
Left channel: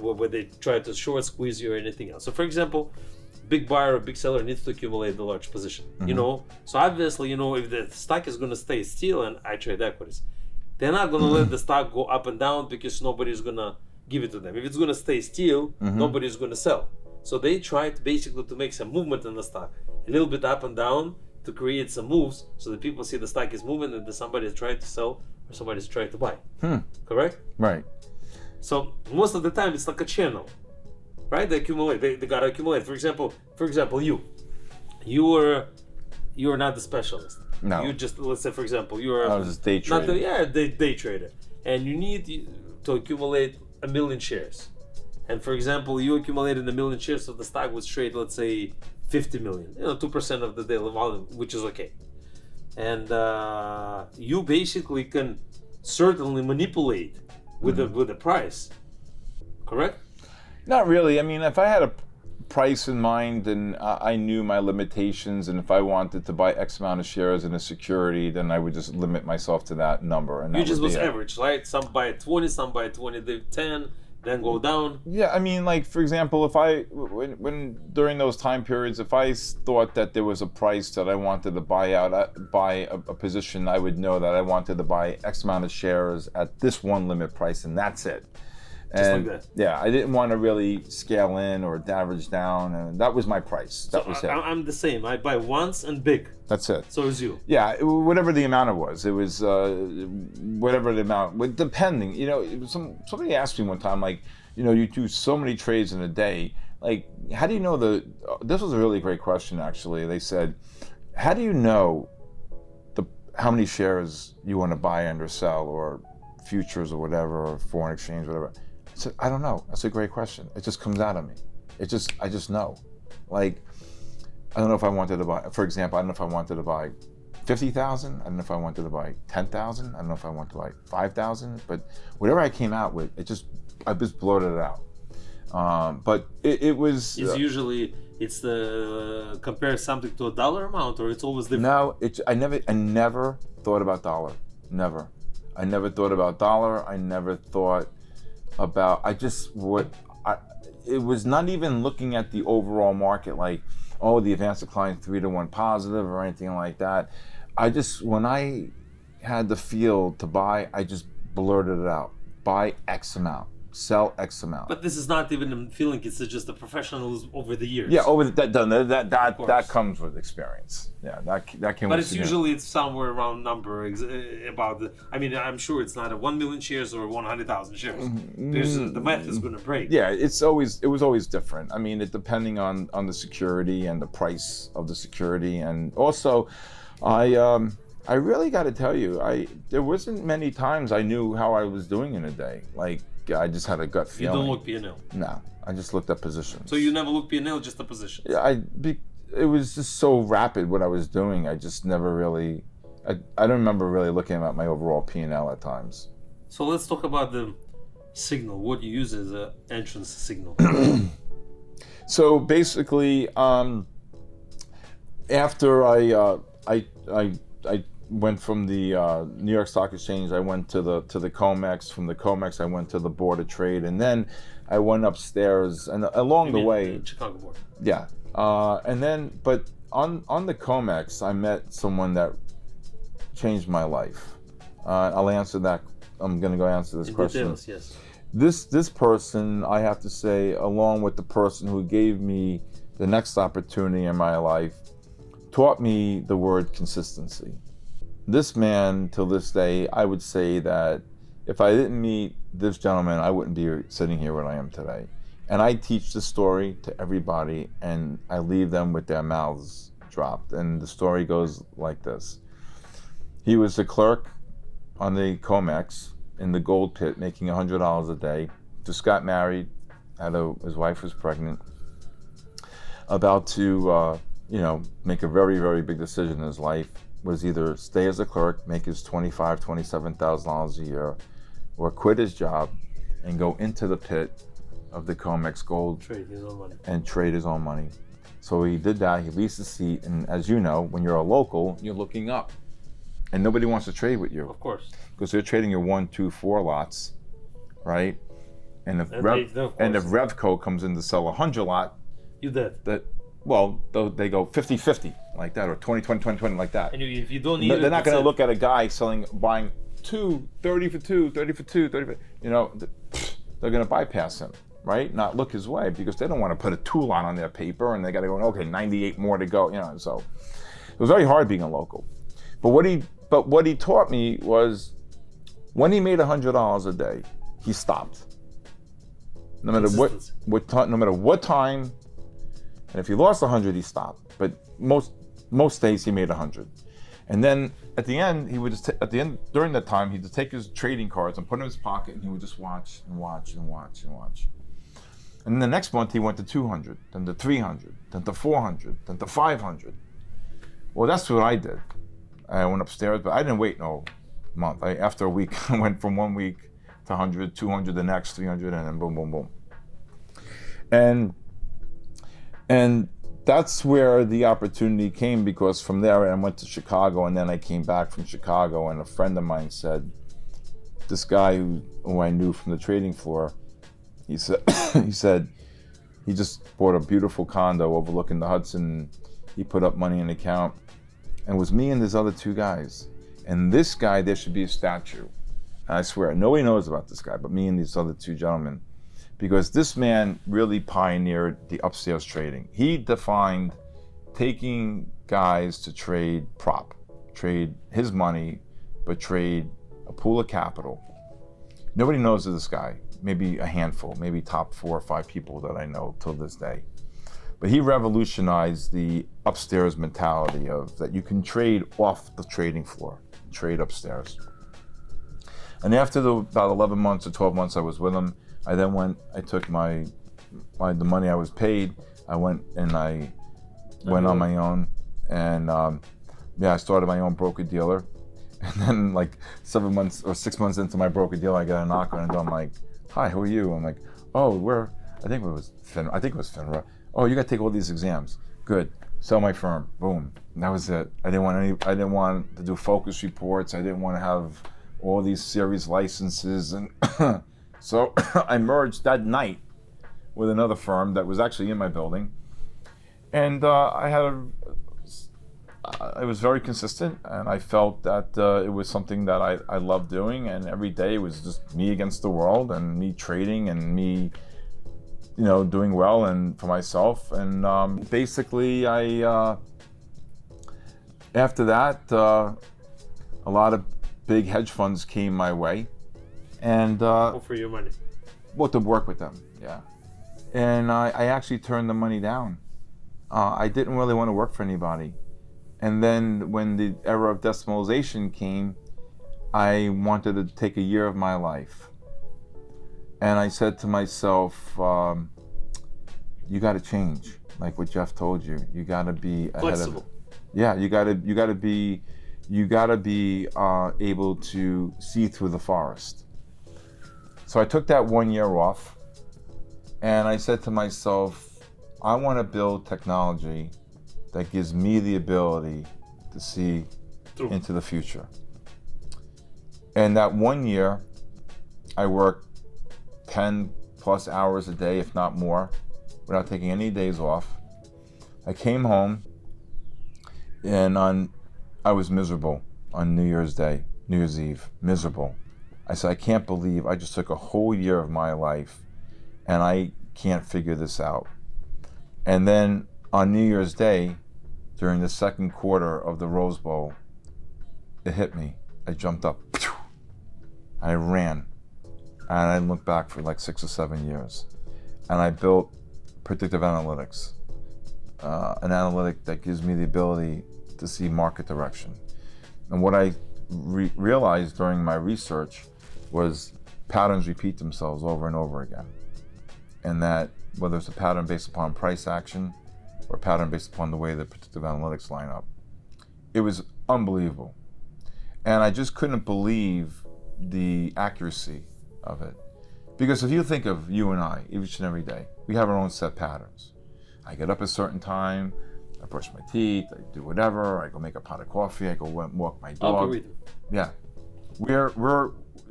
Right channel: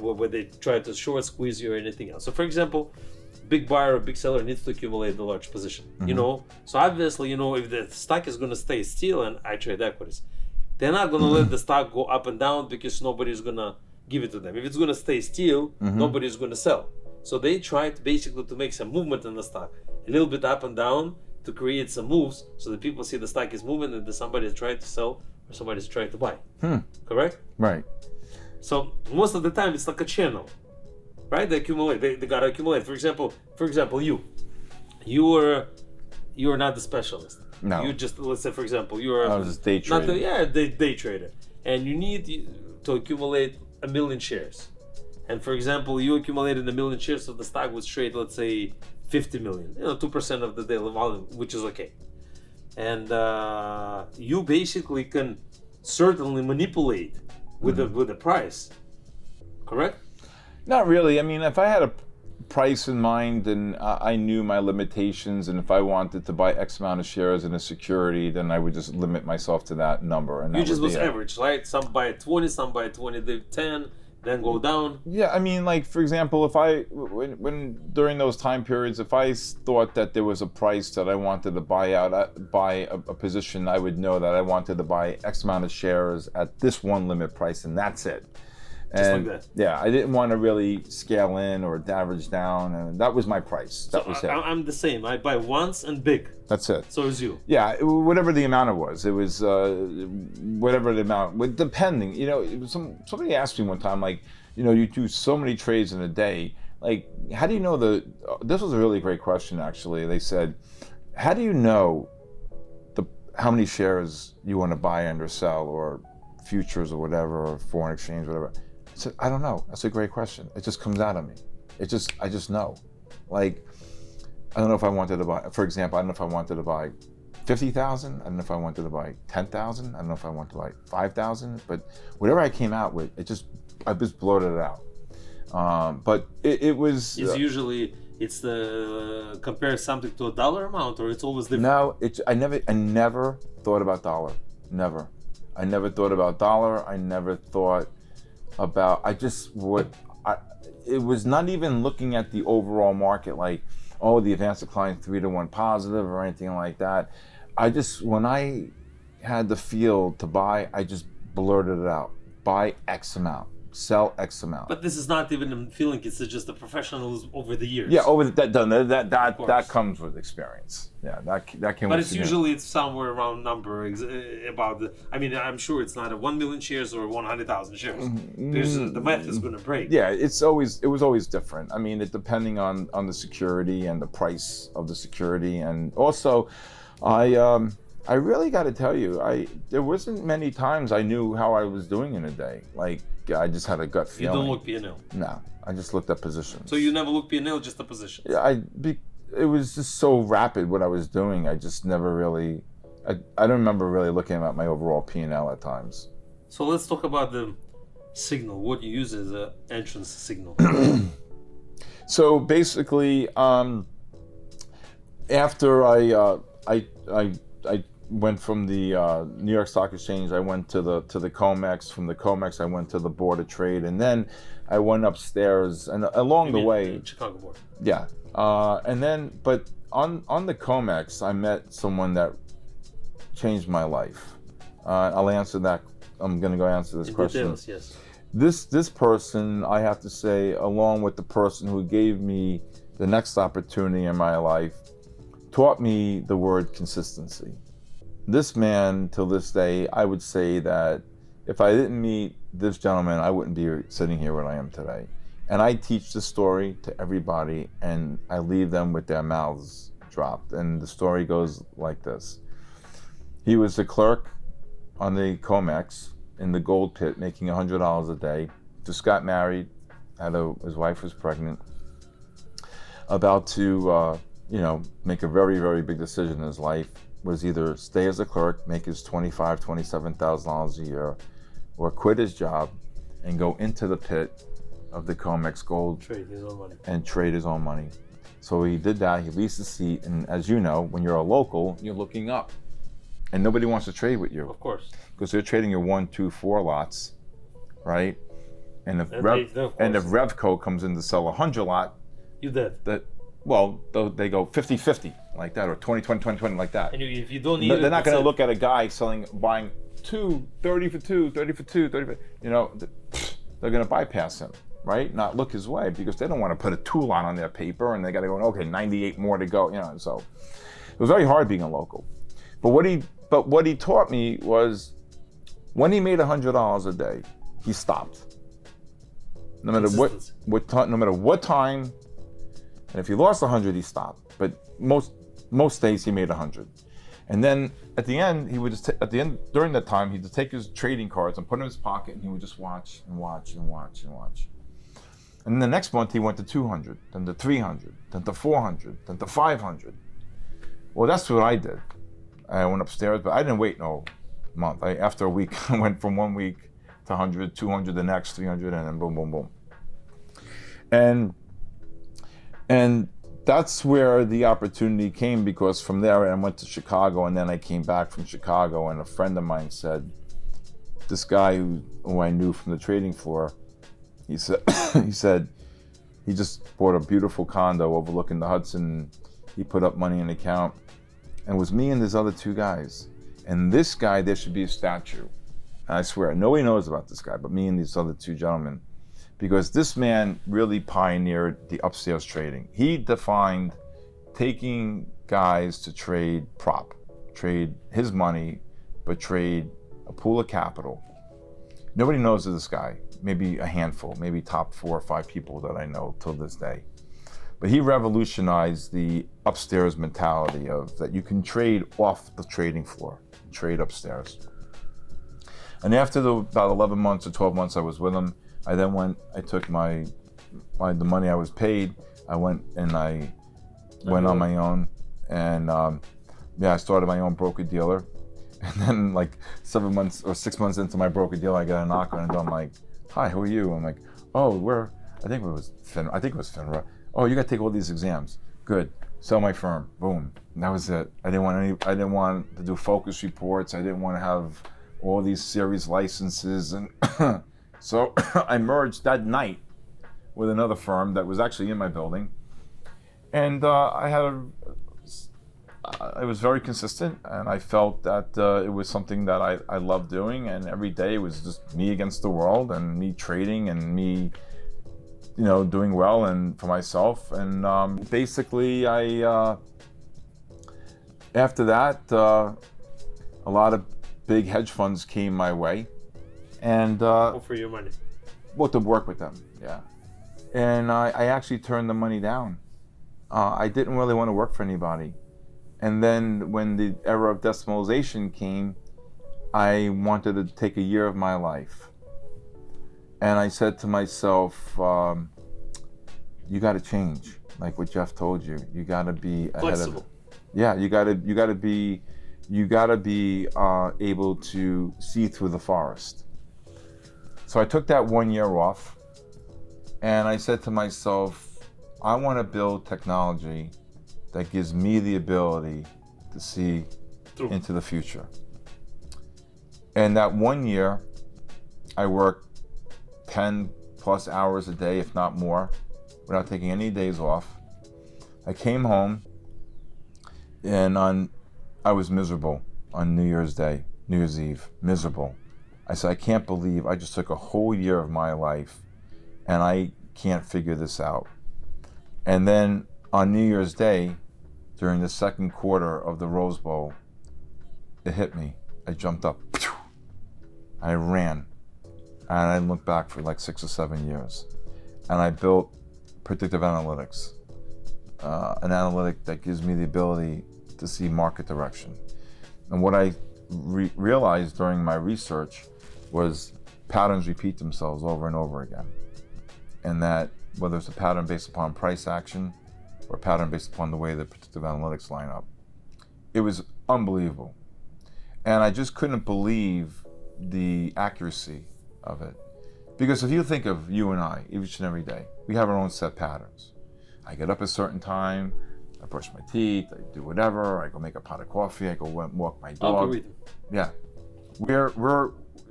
where they try to short squeeze you or anything else. So for example, big buyer or big seller needs to accumulate the large position. So obviously, if the stock is going to stay still, and I trade equities, they're not going to let the stock go up and down because nobody's going to give it to them. If it's going to stay still, nobody's going to sell. So they try to make some movement in the stock, a little bit up and down, to create some moves so that people see the stock is moving and that somebody is trying to sell or somebody is trying to buy. Correct? Right. So most of the time it's like a channel, right? They accumulate. They gotta accumulate. For example, you are not the specialist. No. You just, let's say, for example, you're I was just day trading. Day trader, and you need to accumulate 1 million shares. And for example, you accumulated 1 million shares of the stock which trade, let's say, 50 million. 2% of the daily volume, which is okay. And you basically can certainly manipulate with the price, correct? Not really. I mean, if I had a price in mind and I knew my limitations, and if I wanted to buy X amount of shares in a security, then I would just limit myself to that number. And You just was average, right? Some buy at 20, some buy at 20, they 10, then go down. Yeah, I mean, like, for example, when during those time periods, if I thought that there was a price that I wanted to buy a position, I would know that I wanted to buy X amount of shares at this one limit price, and that's it. Just like that. Yeah, I didn't want to really scale in or average down, and that was my price. That was it. I'm the same. I buy once and big. That's it. So is you. Yeah, whatever the amount it was whatever the amount. Depending, somebody asked me one time, like, you do so many trades in a day. Like, how do you know this was a really great question, actually. They said, how do you know how many shares you want to buy and or sell, or futures or whatever, or foreign exchange, whatever? I said, I don't know. That's a great question. It just comes out of me. I just know. Like, I don't know if I wanted to buy, for example, I don't know if I wanted to buy 50,000. I don't know if I wanted to buy 10,000. I don't know if I wanted to buy 5,000. But whatever I came out with, I just blurted it out. But it was. It's usually compare something to a dollar amount, or it's always different. No, I never thought about dollar. Never. I never thought about dollar. I never thought about. It was not even looking at the overall market, like, oh, the advanced decline 3-to-1 positive or anything like that. When I had the feel to buy, I just blurted it out. Buy X amount, sell X amount. But this is not even a feeling, it's just the professionals over the years. Yeah, that comes with experience. Yeah, that came. But with it's somewhere around number about the. I mean, I'm sure it's not 1 million shares or 100,000 shares. The math is going to break. Yeah, it was always different. I mean, it depending on the security and the price of the security, and also, I really got to tell you, there wasn't many times I knew how I was doing in a day. Like, I just had a gut feeling. You don't look P&L. No, I just looked at positions. So you never look P&L, just the positions. Yeah, it was just so rapid what I was doing. I just never really. I don't remember really looking at my overall P&L at times. So let's talk about the signal. What you use as an entrance signal. So basically, after I went from the New York Stock Exchange, I went to the COMEX. From the COMEX, I went to the Board of Trade, and then I went upstairs. And along the way, Chicago Board. Yeah, and then, but on the COMEX, I met someone that changed my life. I'll answer that. I'm going to go answer this question. Details, yes. This person, I have to say, along with the person who gave me the next opportunity in my life, taught me the word consistency. This man, till this day, I would say that if I didn't meet this gentleman, I wouldn't be sitting here where I am today. And I teach this story to everybody, and I leave them with their mouths dropped. And the story goes like this. He was a clerk on the COMEX in the gold pit, making $100 a day. Just got married, his wife was pregnant, about to make a very, very big decision in his life. Was either stay as a clerk, make his $25,000, $27,000 a year, or quit his job and go into the pit of the COMEX gold trade his own money. And trade his own money. So he did that. He leased a seat, and as you know, when you're a local, you're looking up, and nobody wants to trade with you. Of course. Because they're trading your 1, 2, 4 lots, right? And if Revco comes in to sell 100 lot, you dead. They go 50-50 like that, or 20-20-20 like that. And if you don't need they're not going to look at a guy buying 2, 30 for 2, 30 for 2, 30 for, they're going to bypass him, right? Not look his way, because they don't want to put a 2 lot on their paper, and they got to go, okay, 98 more to go, So it was very hard being a local. But what he taught me was, when he made $100 a day, he stopped. No matter what time. And if he lost 100, he stopped. But most days he made 100. And then at the end, he would just during that time, he'd just take his trading cards and put them in his pocket, and he would just watch and watch and watch and watch. And then the next month he went to 200, then to 300, then to 400, then to 500. Well, that's what I did. I went upstairs, but I didn't wait no month. After a week, I went from 1 week to 100, 200, the next 300, and then boom, boom, boom. And that's where the opportunity came, because from there I went to Chicago, and then I came back from Chicago, and a friend of mine said, this guy who I knew from the trading floor, he said he just bought a beautiful condo overlooking the Hudson. He put up money in the account, and it was me and these other 2 guys. And this guy, there should be a statue. And I swear, nobody knows about this guy but me and these other 2 gentlemen. Because this man really pioneered the upstairs trading. He defined taking guys to trade his money, but trade a pool of capital. Nobody knows of this guy, maybe a handful, maybe top 4 or 5 people that I know till this day. But he revolutionized the upstairs mentality of that you can trade off the trading floor, trade upstairs. And after about 11 months or 12 months I was with him, I took the money I was paid, I went on my own, and I started my own broker dealer. And then like 7 months or 6 months into my broker dealer, I got a knock on the door. I'm like, hi, who are you? I'm like, oh, I think it was FINRA. Oh, you got to take all these exams. Good. Sell my firm. Boom. And that was it. I didn't want to do focus reports. I didn't want to have all these series licenses. And so I merged that night with another firm that was actually in my building. And I was very consistent, and I felt that it was something that I loved doing, and every day it was just me against the world, and me trading, and me, doing well and for myself. And basically, after that, a lot of big hedge funds came my way, and Offer you money. well, to work with them, yeah. And I actually turned the money down. I didn't really want to work for anybody. And then when the era of decimalization came, I wanted to take a year of my life. And I said to myself, you got to change, like what Jeff told you. You got to be Flexible. ahead of it. Yeah, you got to be able to see through the forest. So I took that 1 year off, and I said to myself, I want to build technology that gives me the ability to see into the future. And that 1 year, I worked 10 plus hours a day, if not more, without taking any days off. I came home, and I was miserable on New Year's Eve, miserable. I said, I can't believe I just took a whole year of my life, and I can't figure this out. And then on New Year's Day, during the second quarter of the Rose Bowl, it hit me. I jumped up. I ran. And I didn't look back for like 6 or 7 years. And I built predictive analytics, an analytic that gives me the ability to see market direction. And what I realized during my research was patterns repeat themselves over and over again. And that whether it's a pattern based upon price action, or a pattern based upon the way the predictive analytics line up. It was unbelievable. And I just couldn't believe the accuracy of it. Because if you think of you and I, each and every day, we have our own set patterns. I get up at a certain time, I brush my teeth, I do whatever, I go make a pot of coffee, I go walk my dog. Yeah.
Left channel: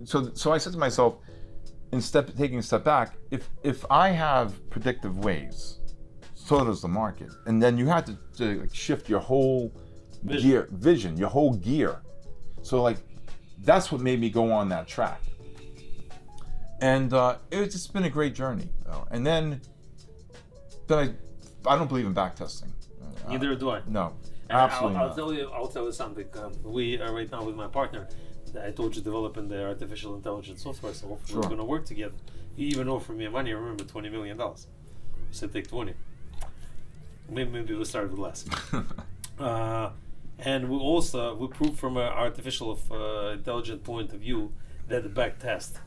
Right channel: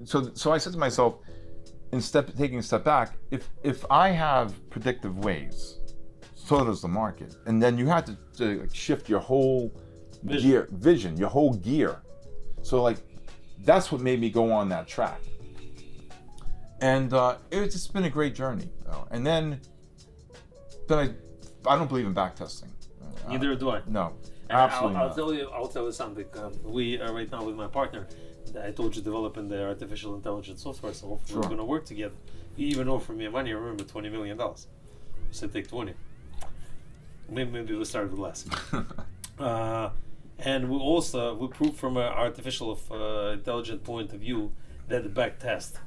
So I said to myself, taking a step back, if I have predictive ways, so does the market. And then you have to shift your whole vision, your whole gear. So that's what made me go on that track. And it's just been a great journey. And then I don't believe in back testing. Neither do I. No, And absolutely I'll not. tell you something. We are right now with my partner. I told you developing the artificial intelligence software, so hopefully we're going to work together. He even offered me money. Remember, $20 million. I said take 20. Maybe we'll start with less. And we proved from an artificial intelligent point of view that the back test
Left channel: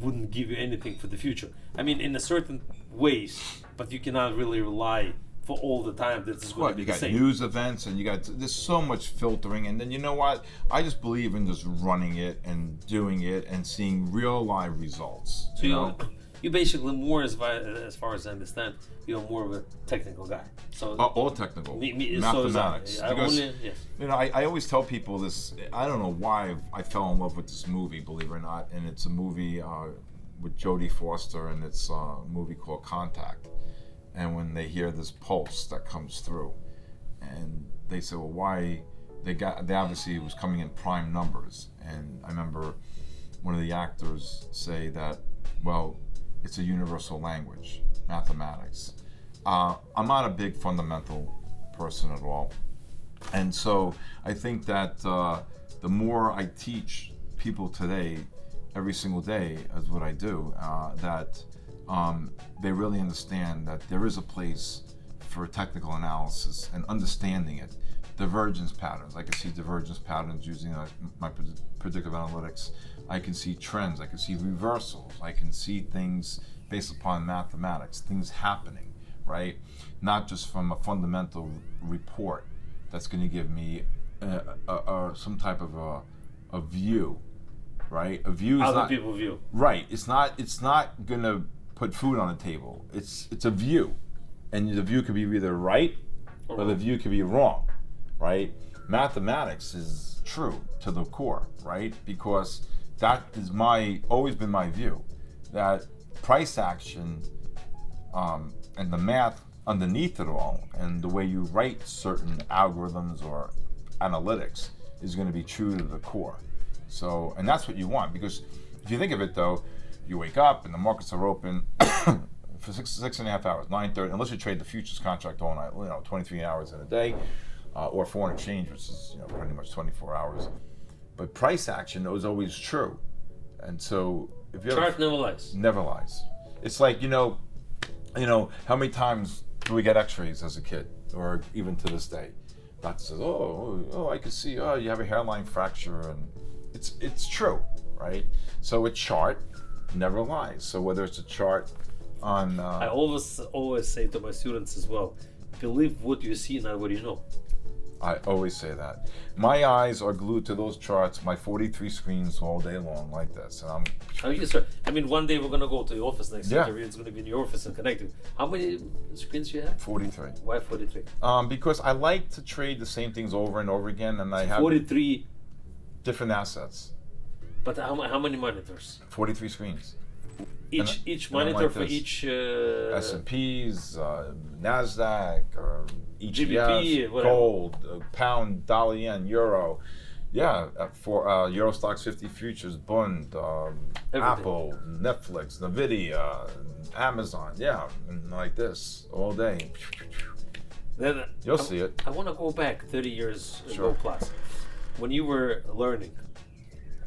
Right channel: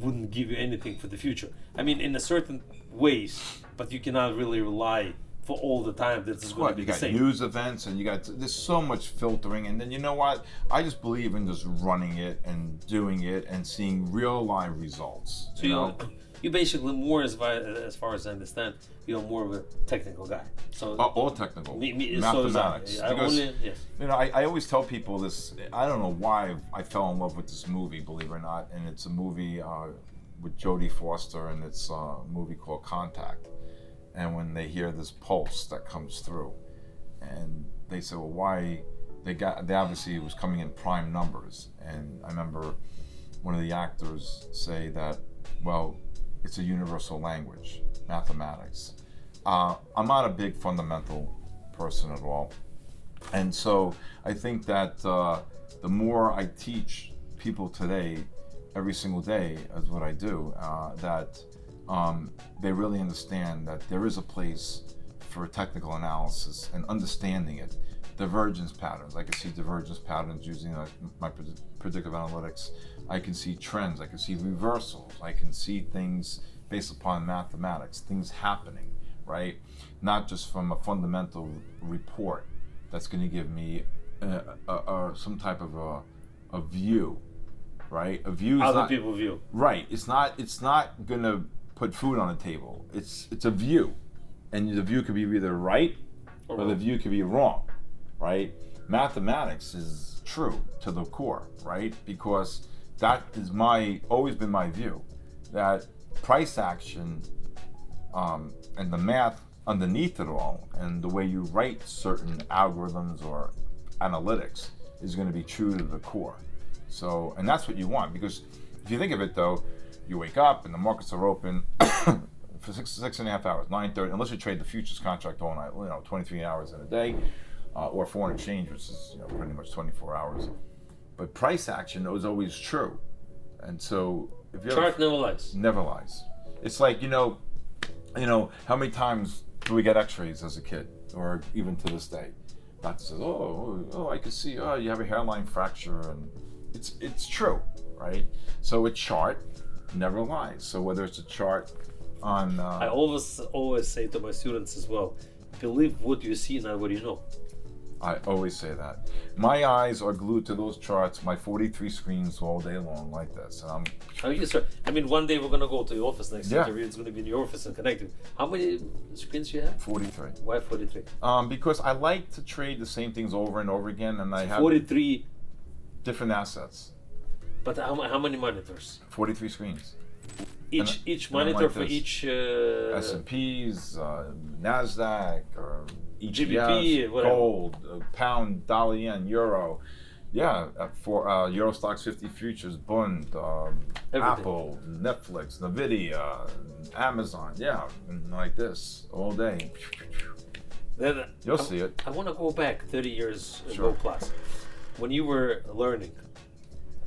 wouldn't give you anything for the future. I mean, in a certain ways, but you cannot really rely for all the time that it's going to be the same. You got news events, and there's so much filtering, and then you know what? I just believe in just running it and doing it and seeing real live results. So you basically more, as far as I understand, you're more of a technical guy. So all technical, mathematics. I always tell people this. I don't know why I fell in love with this movie, believe it or not, and it's a movie with Jodie Foster, and it's a movie called Contact. And when they hear this pulse that comes through, and they say, well, why? They obviously it was coming in prime numbers, and I remember one of the actors say that, well, it's a universal language, mathematics. I'm not a big fundamental person at all. And so I think that the more I teach people today, every single day, as what I do, that they really understand that there is a place for technical analysis and understanding it. Divergence patterns. I can see divergence patterns using my predictive analytics. I can see trends. I can see reversals. I can see things based upon mathematics, things happening, right? Not just from a fundamental report that's going to give me some type of a view, right? A view is Other not, people view. right. It's not gonna put food on the table. It's a view, and the view could be either right or the view could be wrong, right? Mathematics is true to the core, right? Because that is always been my view, that price action and the math underneath it all, and the way you write certain algorithms or analytics is going to be true to the core. So, and that's what you want, because if you think of it though, you wake up and the markets are open for six and a half hours, 9:30, unless you trade the futures contract all night, 23 hours in a day, or foreign exchange, which is pretty much 24 hours. But price action is always true, and so if you Chart never lies. Never lies. It's like how many times do we get X-rays as a kid, or even to this day? Doctor says, "Oh, I can see. Oh, you have a hairline fracture," and it's true, right? So a chart never lies. So whether it's a chart on, I always say to my students as well, believe what you see, not what you know. I always say that. My eyes are glued to those charts, my 43 screens all day long like this. And How you start? I mean, one day we're gonna go to the office next Yeah. interview. It's gonna be in your office and connected. How many screens you have? 43. Why 43? Because I like to trade the same things over and over again, and I have 43. different assets. But how many monitors? 43 screens. Each and I'm monitor like for this. each S&Ps, NASDAQ, or GBP, ETFs, whatever. gold, pound, dollar, yen, euro. Yeah, for Euro Stocks 50 futures, Bund, Apple, Netflix, Nvidia, Amazon. Yeah, and like this all day. Then You'll see it. I want to go back 30 years Sure. ago plus. When you were learning,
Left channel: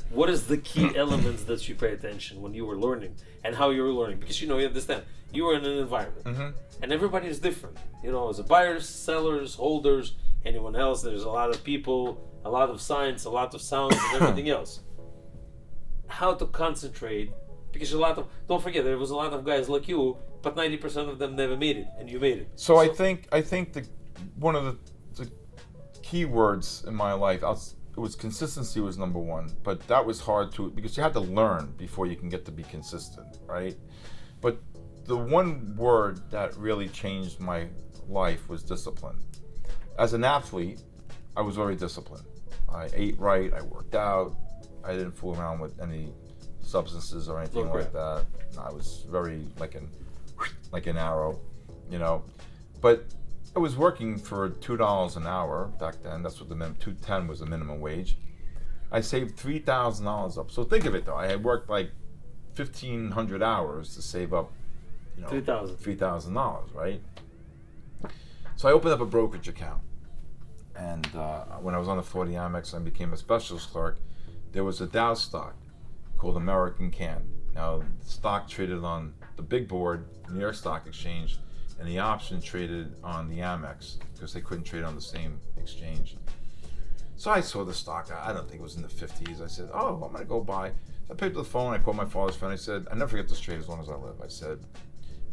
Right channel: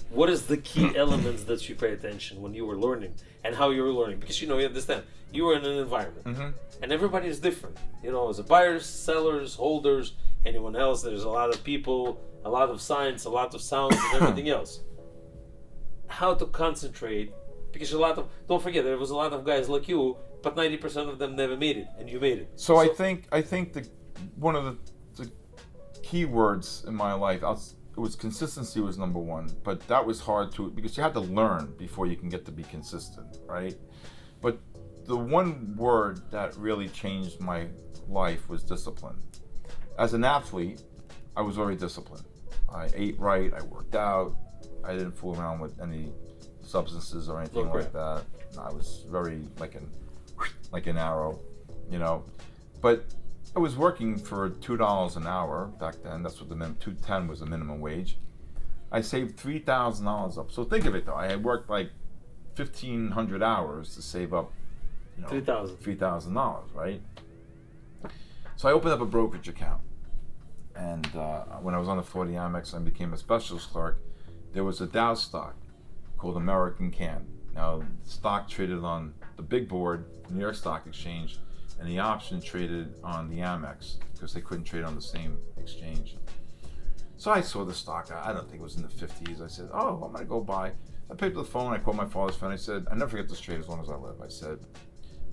what is the key elements that you pay attention when you were learning, and how you were learning? Because you understand, you were in an environment, and everybody is different. As a buyers, sellers, holders, anyone else. There's a lot of people, a lot of signs, a lot of sounds, and everything else. How to concentrate? Because don't forget, there was a lot of guys like you, but 90% of them never made it, and you made it. So I think one of the key words in my life, it was consistency was number one, but that was hard because you had to learn before you can get to be consistent, right? But the one word that really changed my life was discipline. As an athlete, I was very disciplined. I ate right, I worked out, I didn't fool around with any substances or anything like that. I was very like an arrow, But I was working for $2 an hour back then. That's what $2.10 was the minimum wage. I saved $3,000 up. So think of it though. I had worked like 1,500 hours to save up, $3,000, right? So I opened up a brokerage account, and when I was on the 40 Amex and became a specialist clerk, there was a Dow stock called American Can. Now, the stock traded on the big board, New York Stock Exchange, and the option traded on the Amex because they couldn't trade on the same exchange. So I saw the stock, I don't think it was in the 50s. I said, I'm gonna go buy. I picked up the phone, I called my father's friend, I said, I never forget this trade as long as I live. I said,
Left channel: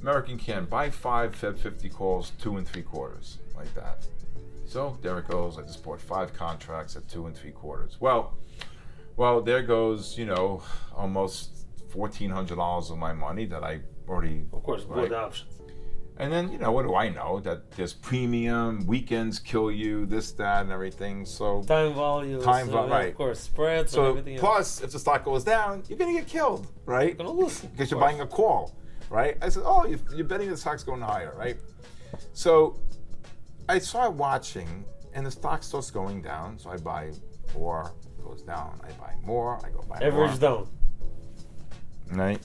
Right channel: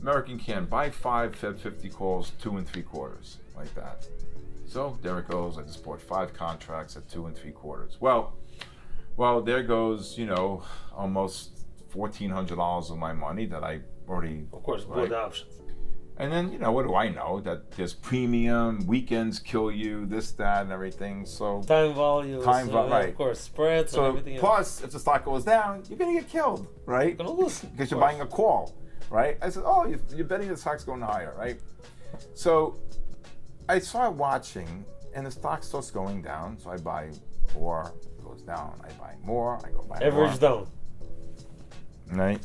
American Can, buy 5 Fed 50 calls, 2 3/4, like that. So there it goes, I just bought 5 contracts at 2 3/4. Well, there goes, almost $1,400 of my money that I already, Of course, bought the options. And then, what do I know? That there's premium, weekends kill you, this, that, and everything. So Time values, right. Of course, spreads So and everything plus, if the stock goes down, you're gonna get killed, right? You're gonna lose. Because you're buying a call, right? I said, you're betting the stock's going higher, right? So I started watching, and the stock starts going down. So I buy more, it goes down. I buy more, I go buy more. Average down. Right?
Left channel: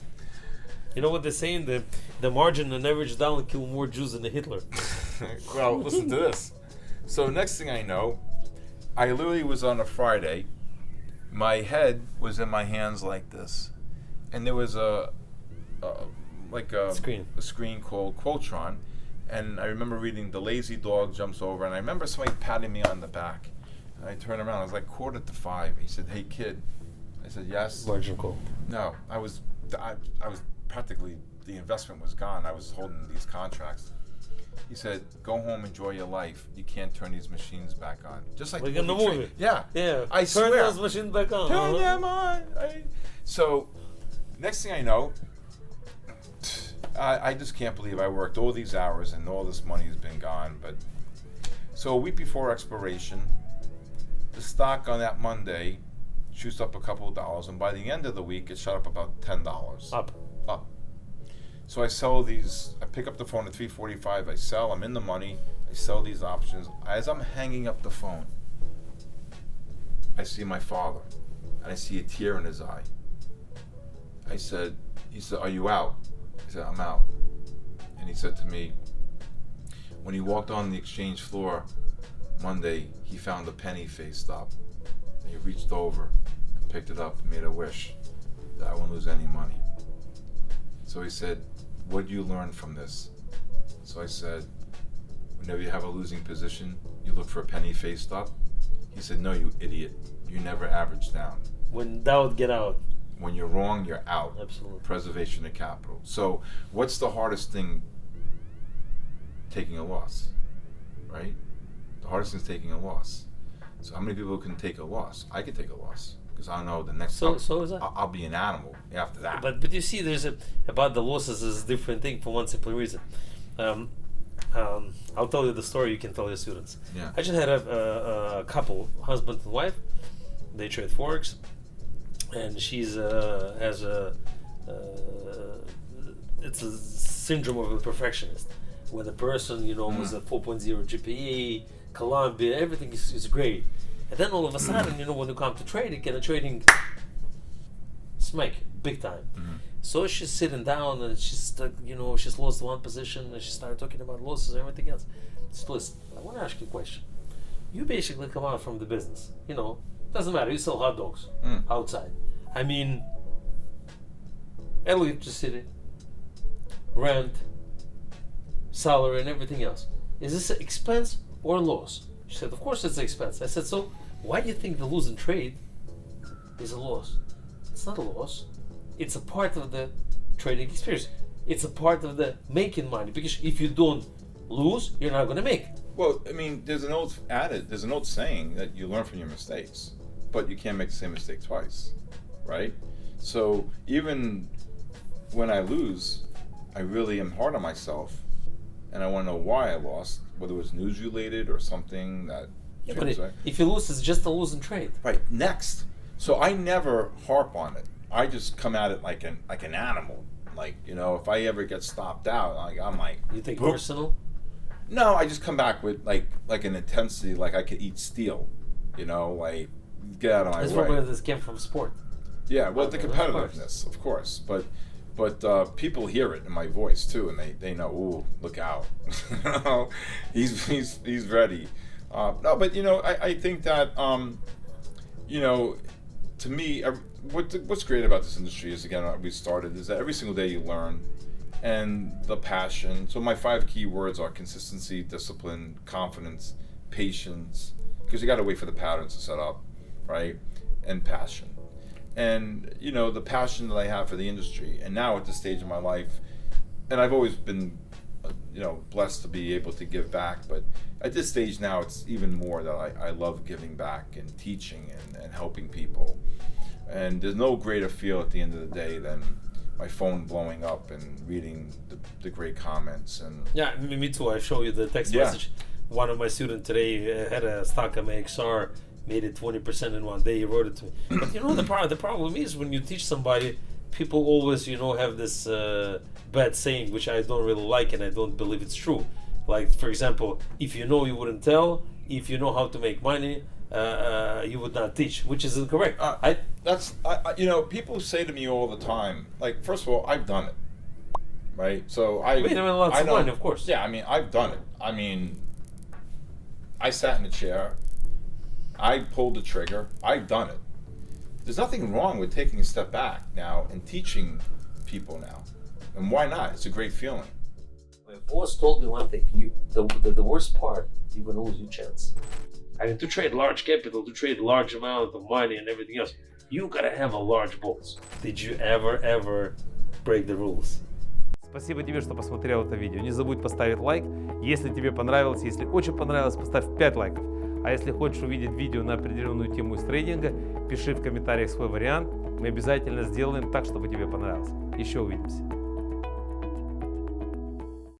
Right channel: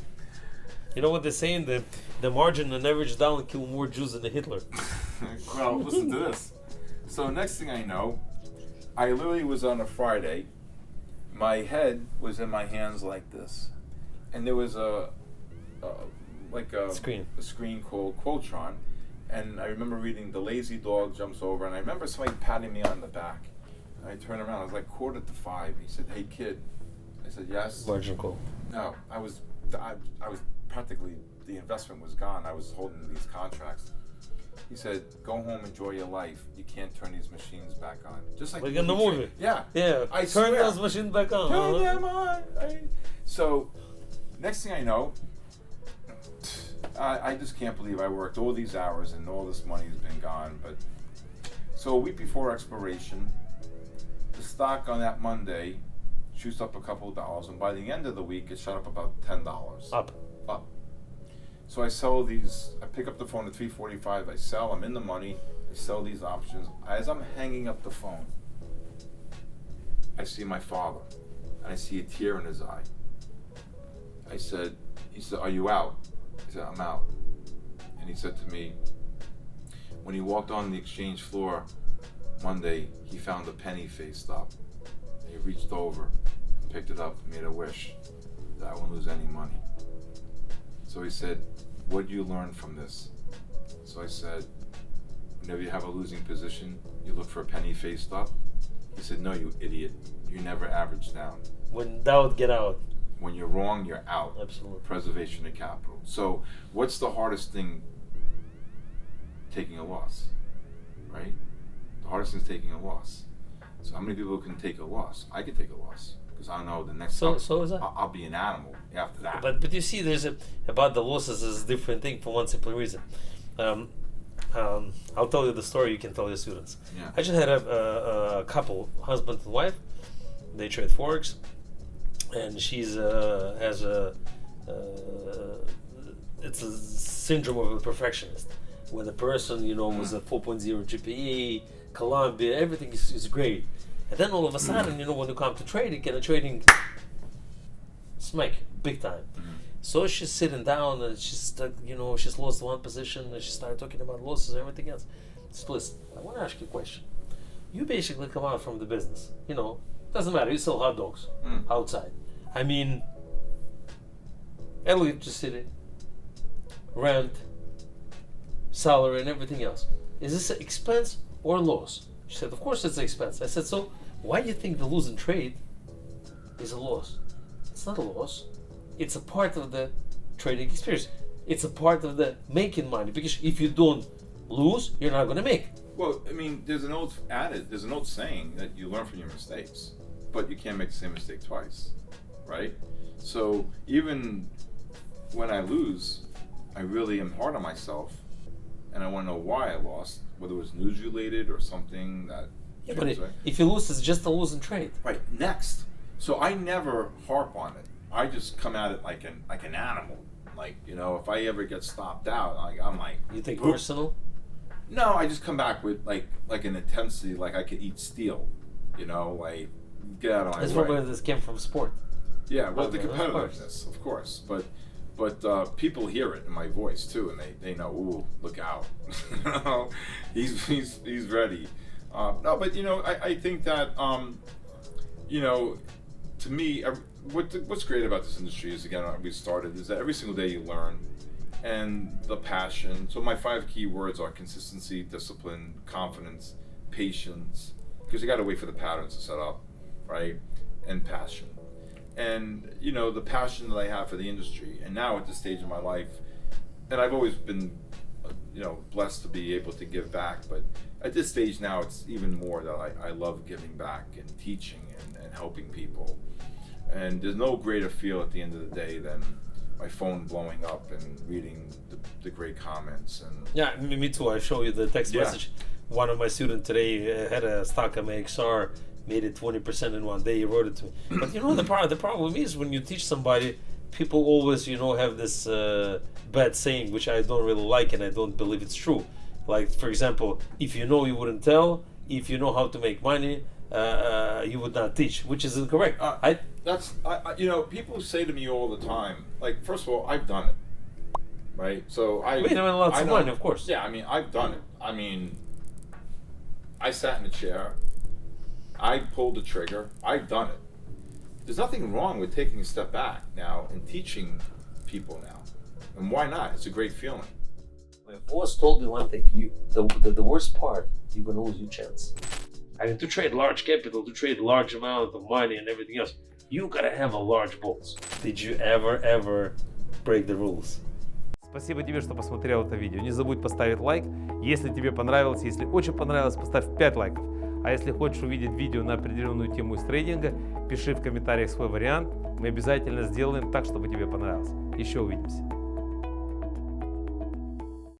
You know what they say? The margin and average down kill more Jews than the Hitler. Well, listen to this. So next thing I know, I literally was on a Friday. My head was in my hands like this, and there was a screen called Quotron, and I remember reading "The Lazy Dog Jumps Over," and I remember somebody patting me on the back, and I turned around. I was like 4:45. He said, "Hey kid," I said, "Yes." Margin call. No, I was practically, the investment was gone. I was holding these contracts. He said, "Go home, enjoy your life. You can't turn these machines back on." Just like in the movie. Yeah. Yeah. I Turn swear. those machines back on. Turn them on. So, next thing I know, I just can't believe I worked all these hours and all this money has been gone. But so a week before expiration, the stock on that Monday shoots up a couple of dollars, and by the end of the week, it shot up about $10. Up. So I sell these. I pick up the phone at 3:45. I sell. I'm in the money. I sell these options. As I'm hanging up the phone, I see my father, and I see a tear in his eye. He said, "Are you out?" I said, "I'm out." And he said to me, when he walked on the exchange floor Monday, he found a penny faced up. And he reached over and picked it up and made a wish that I won't lose any money. So he said, "What do you learn from this?" So I said, "Whenever you have a losing position, you look for a penny faced up." He said, "No, you idiot. You never average down. When in doubt, get out. When you're wrong, you're out." Absolutely. Preservation of capital. So what's the hardest thing? Taking a loss, right? The hardest thing is taking a loss. So how many people can take a loss? I could take a loss because I know the next So time is that? I'll be an animal after that. But you see, about the losses is a different thing for one simple reason. I'll tell you the story. You can tell your students. Yeah. I just had a couple, husband and wife. They trade forex, and she's has a it's a syndrome of a perfectionist, where the person was a 4.0 GPA, Columbia, everything is great, and then all of a sudden, when you come to trading, and the trading smack big time. So she's sitting down and she's she's lost one position and she started talking about losses and everything else. So listen, I want to ask you a question. You basically come out from the business, doesn't matter, you sell hot dogs outside. I mean, electricity, rent, salary and everything else. Is this an expense or a loss? She said, of course it's an expense. I said, so why do you think the losing trade is a loss? It's not a loss. It's a part of the trading experience. It's a part of the making money, because if you don't lose, you're not going to make. Well, I mean, there's an old saying that you learn from your mistakes, but you can't make the same mistake twice, right? So even when I lose, I really am hard on myself, and I want to know why I lost, whether it was news related or something that. Yeah, but if you lose, it's just a losing trade. Right. Next. So I never harp on it. I just come at it like an animal. Like, if I ever get stopped out, I'm like. You think Boop. personal? No, I just come back with like an intensity, like I could eat steel. Like get out of my way. That's probably this came from sport. Yeah, well, the Okay, competitiveness, of course, but people hear it in my voice too, and they know. Ooh, look out! he's ready. No, but I think that to me, what's great about this industry is, again, we started, is that every single day you learn, and the passion. So my 5 key words are consistency, discipline, confidence, patience, because you got to wait for the patterns to set up, right? And passion. And the passion that I have for the industry, and now at this stage of my life, and I've always been blessed to be able to give back, but at this stage now it's even more that I love giving back and teaching and helping people. And there's no greater feel at the end of the day than my phone blowing up and reading the great comments. And yeah, me too. I show you the text message. One of my students today had a stock MXR, made it 20% in one day. He wrote it to me. But the problem is, when you teach somebody, people always have this bad saying, which I don't really like, and I don't believe it's true. Like, for example, if you know, you wouldn't tell. If you know how to make money, you would not teach, which is incorrect. People say to me all the time, like, first of all, I've done it, right? So I made lots of money, of course. Yeah, I mean, I've done it. I mean, I sat in a chair, I pulled the trigger, I've done it. There's nothing wrong with taking a step back now and teaching people now, and why not? It's a great feeling. I've always told you one thing: the worst part, you're gonna lose your chance. I mean, to trade large capital, to trade large amount of money and everything else, you gotta have a large balls. Did you ever break the rules? Спасибо тебе, что посмотрел это видео. Не забудь поставить лайк. Если тебе понравилось, если очень понравилось, поставь 5 лайков. А если хочешь увидеть видео на определенную тему из трейдинга, пиши в комментариях свой вариант. Мы обязательно сделаем так, чтобы тебе понравилось. Еще увидимся.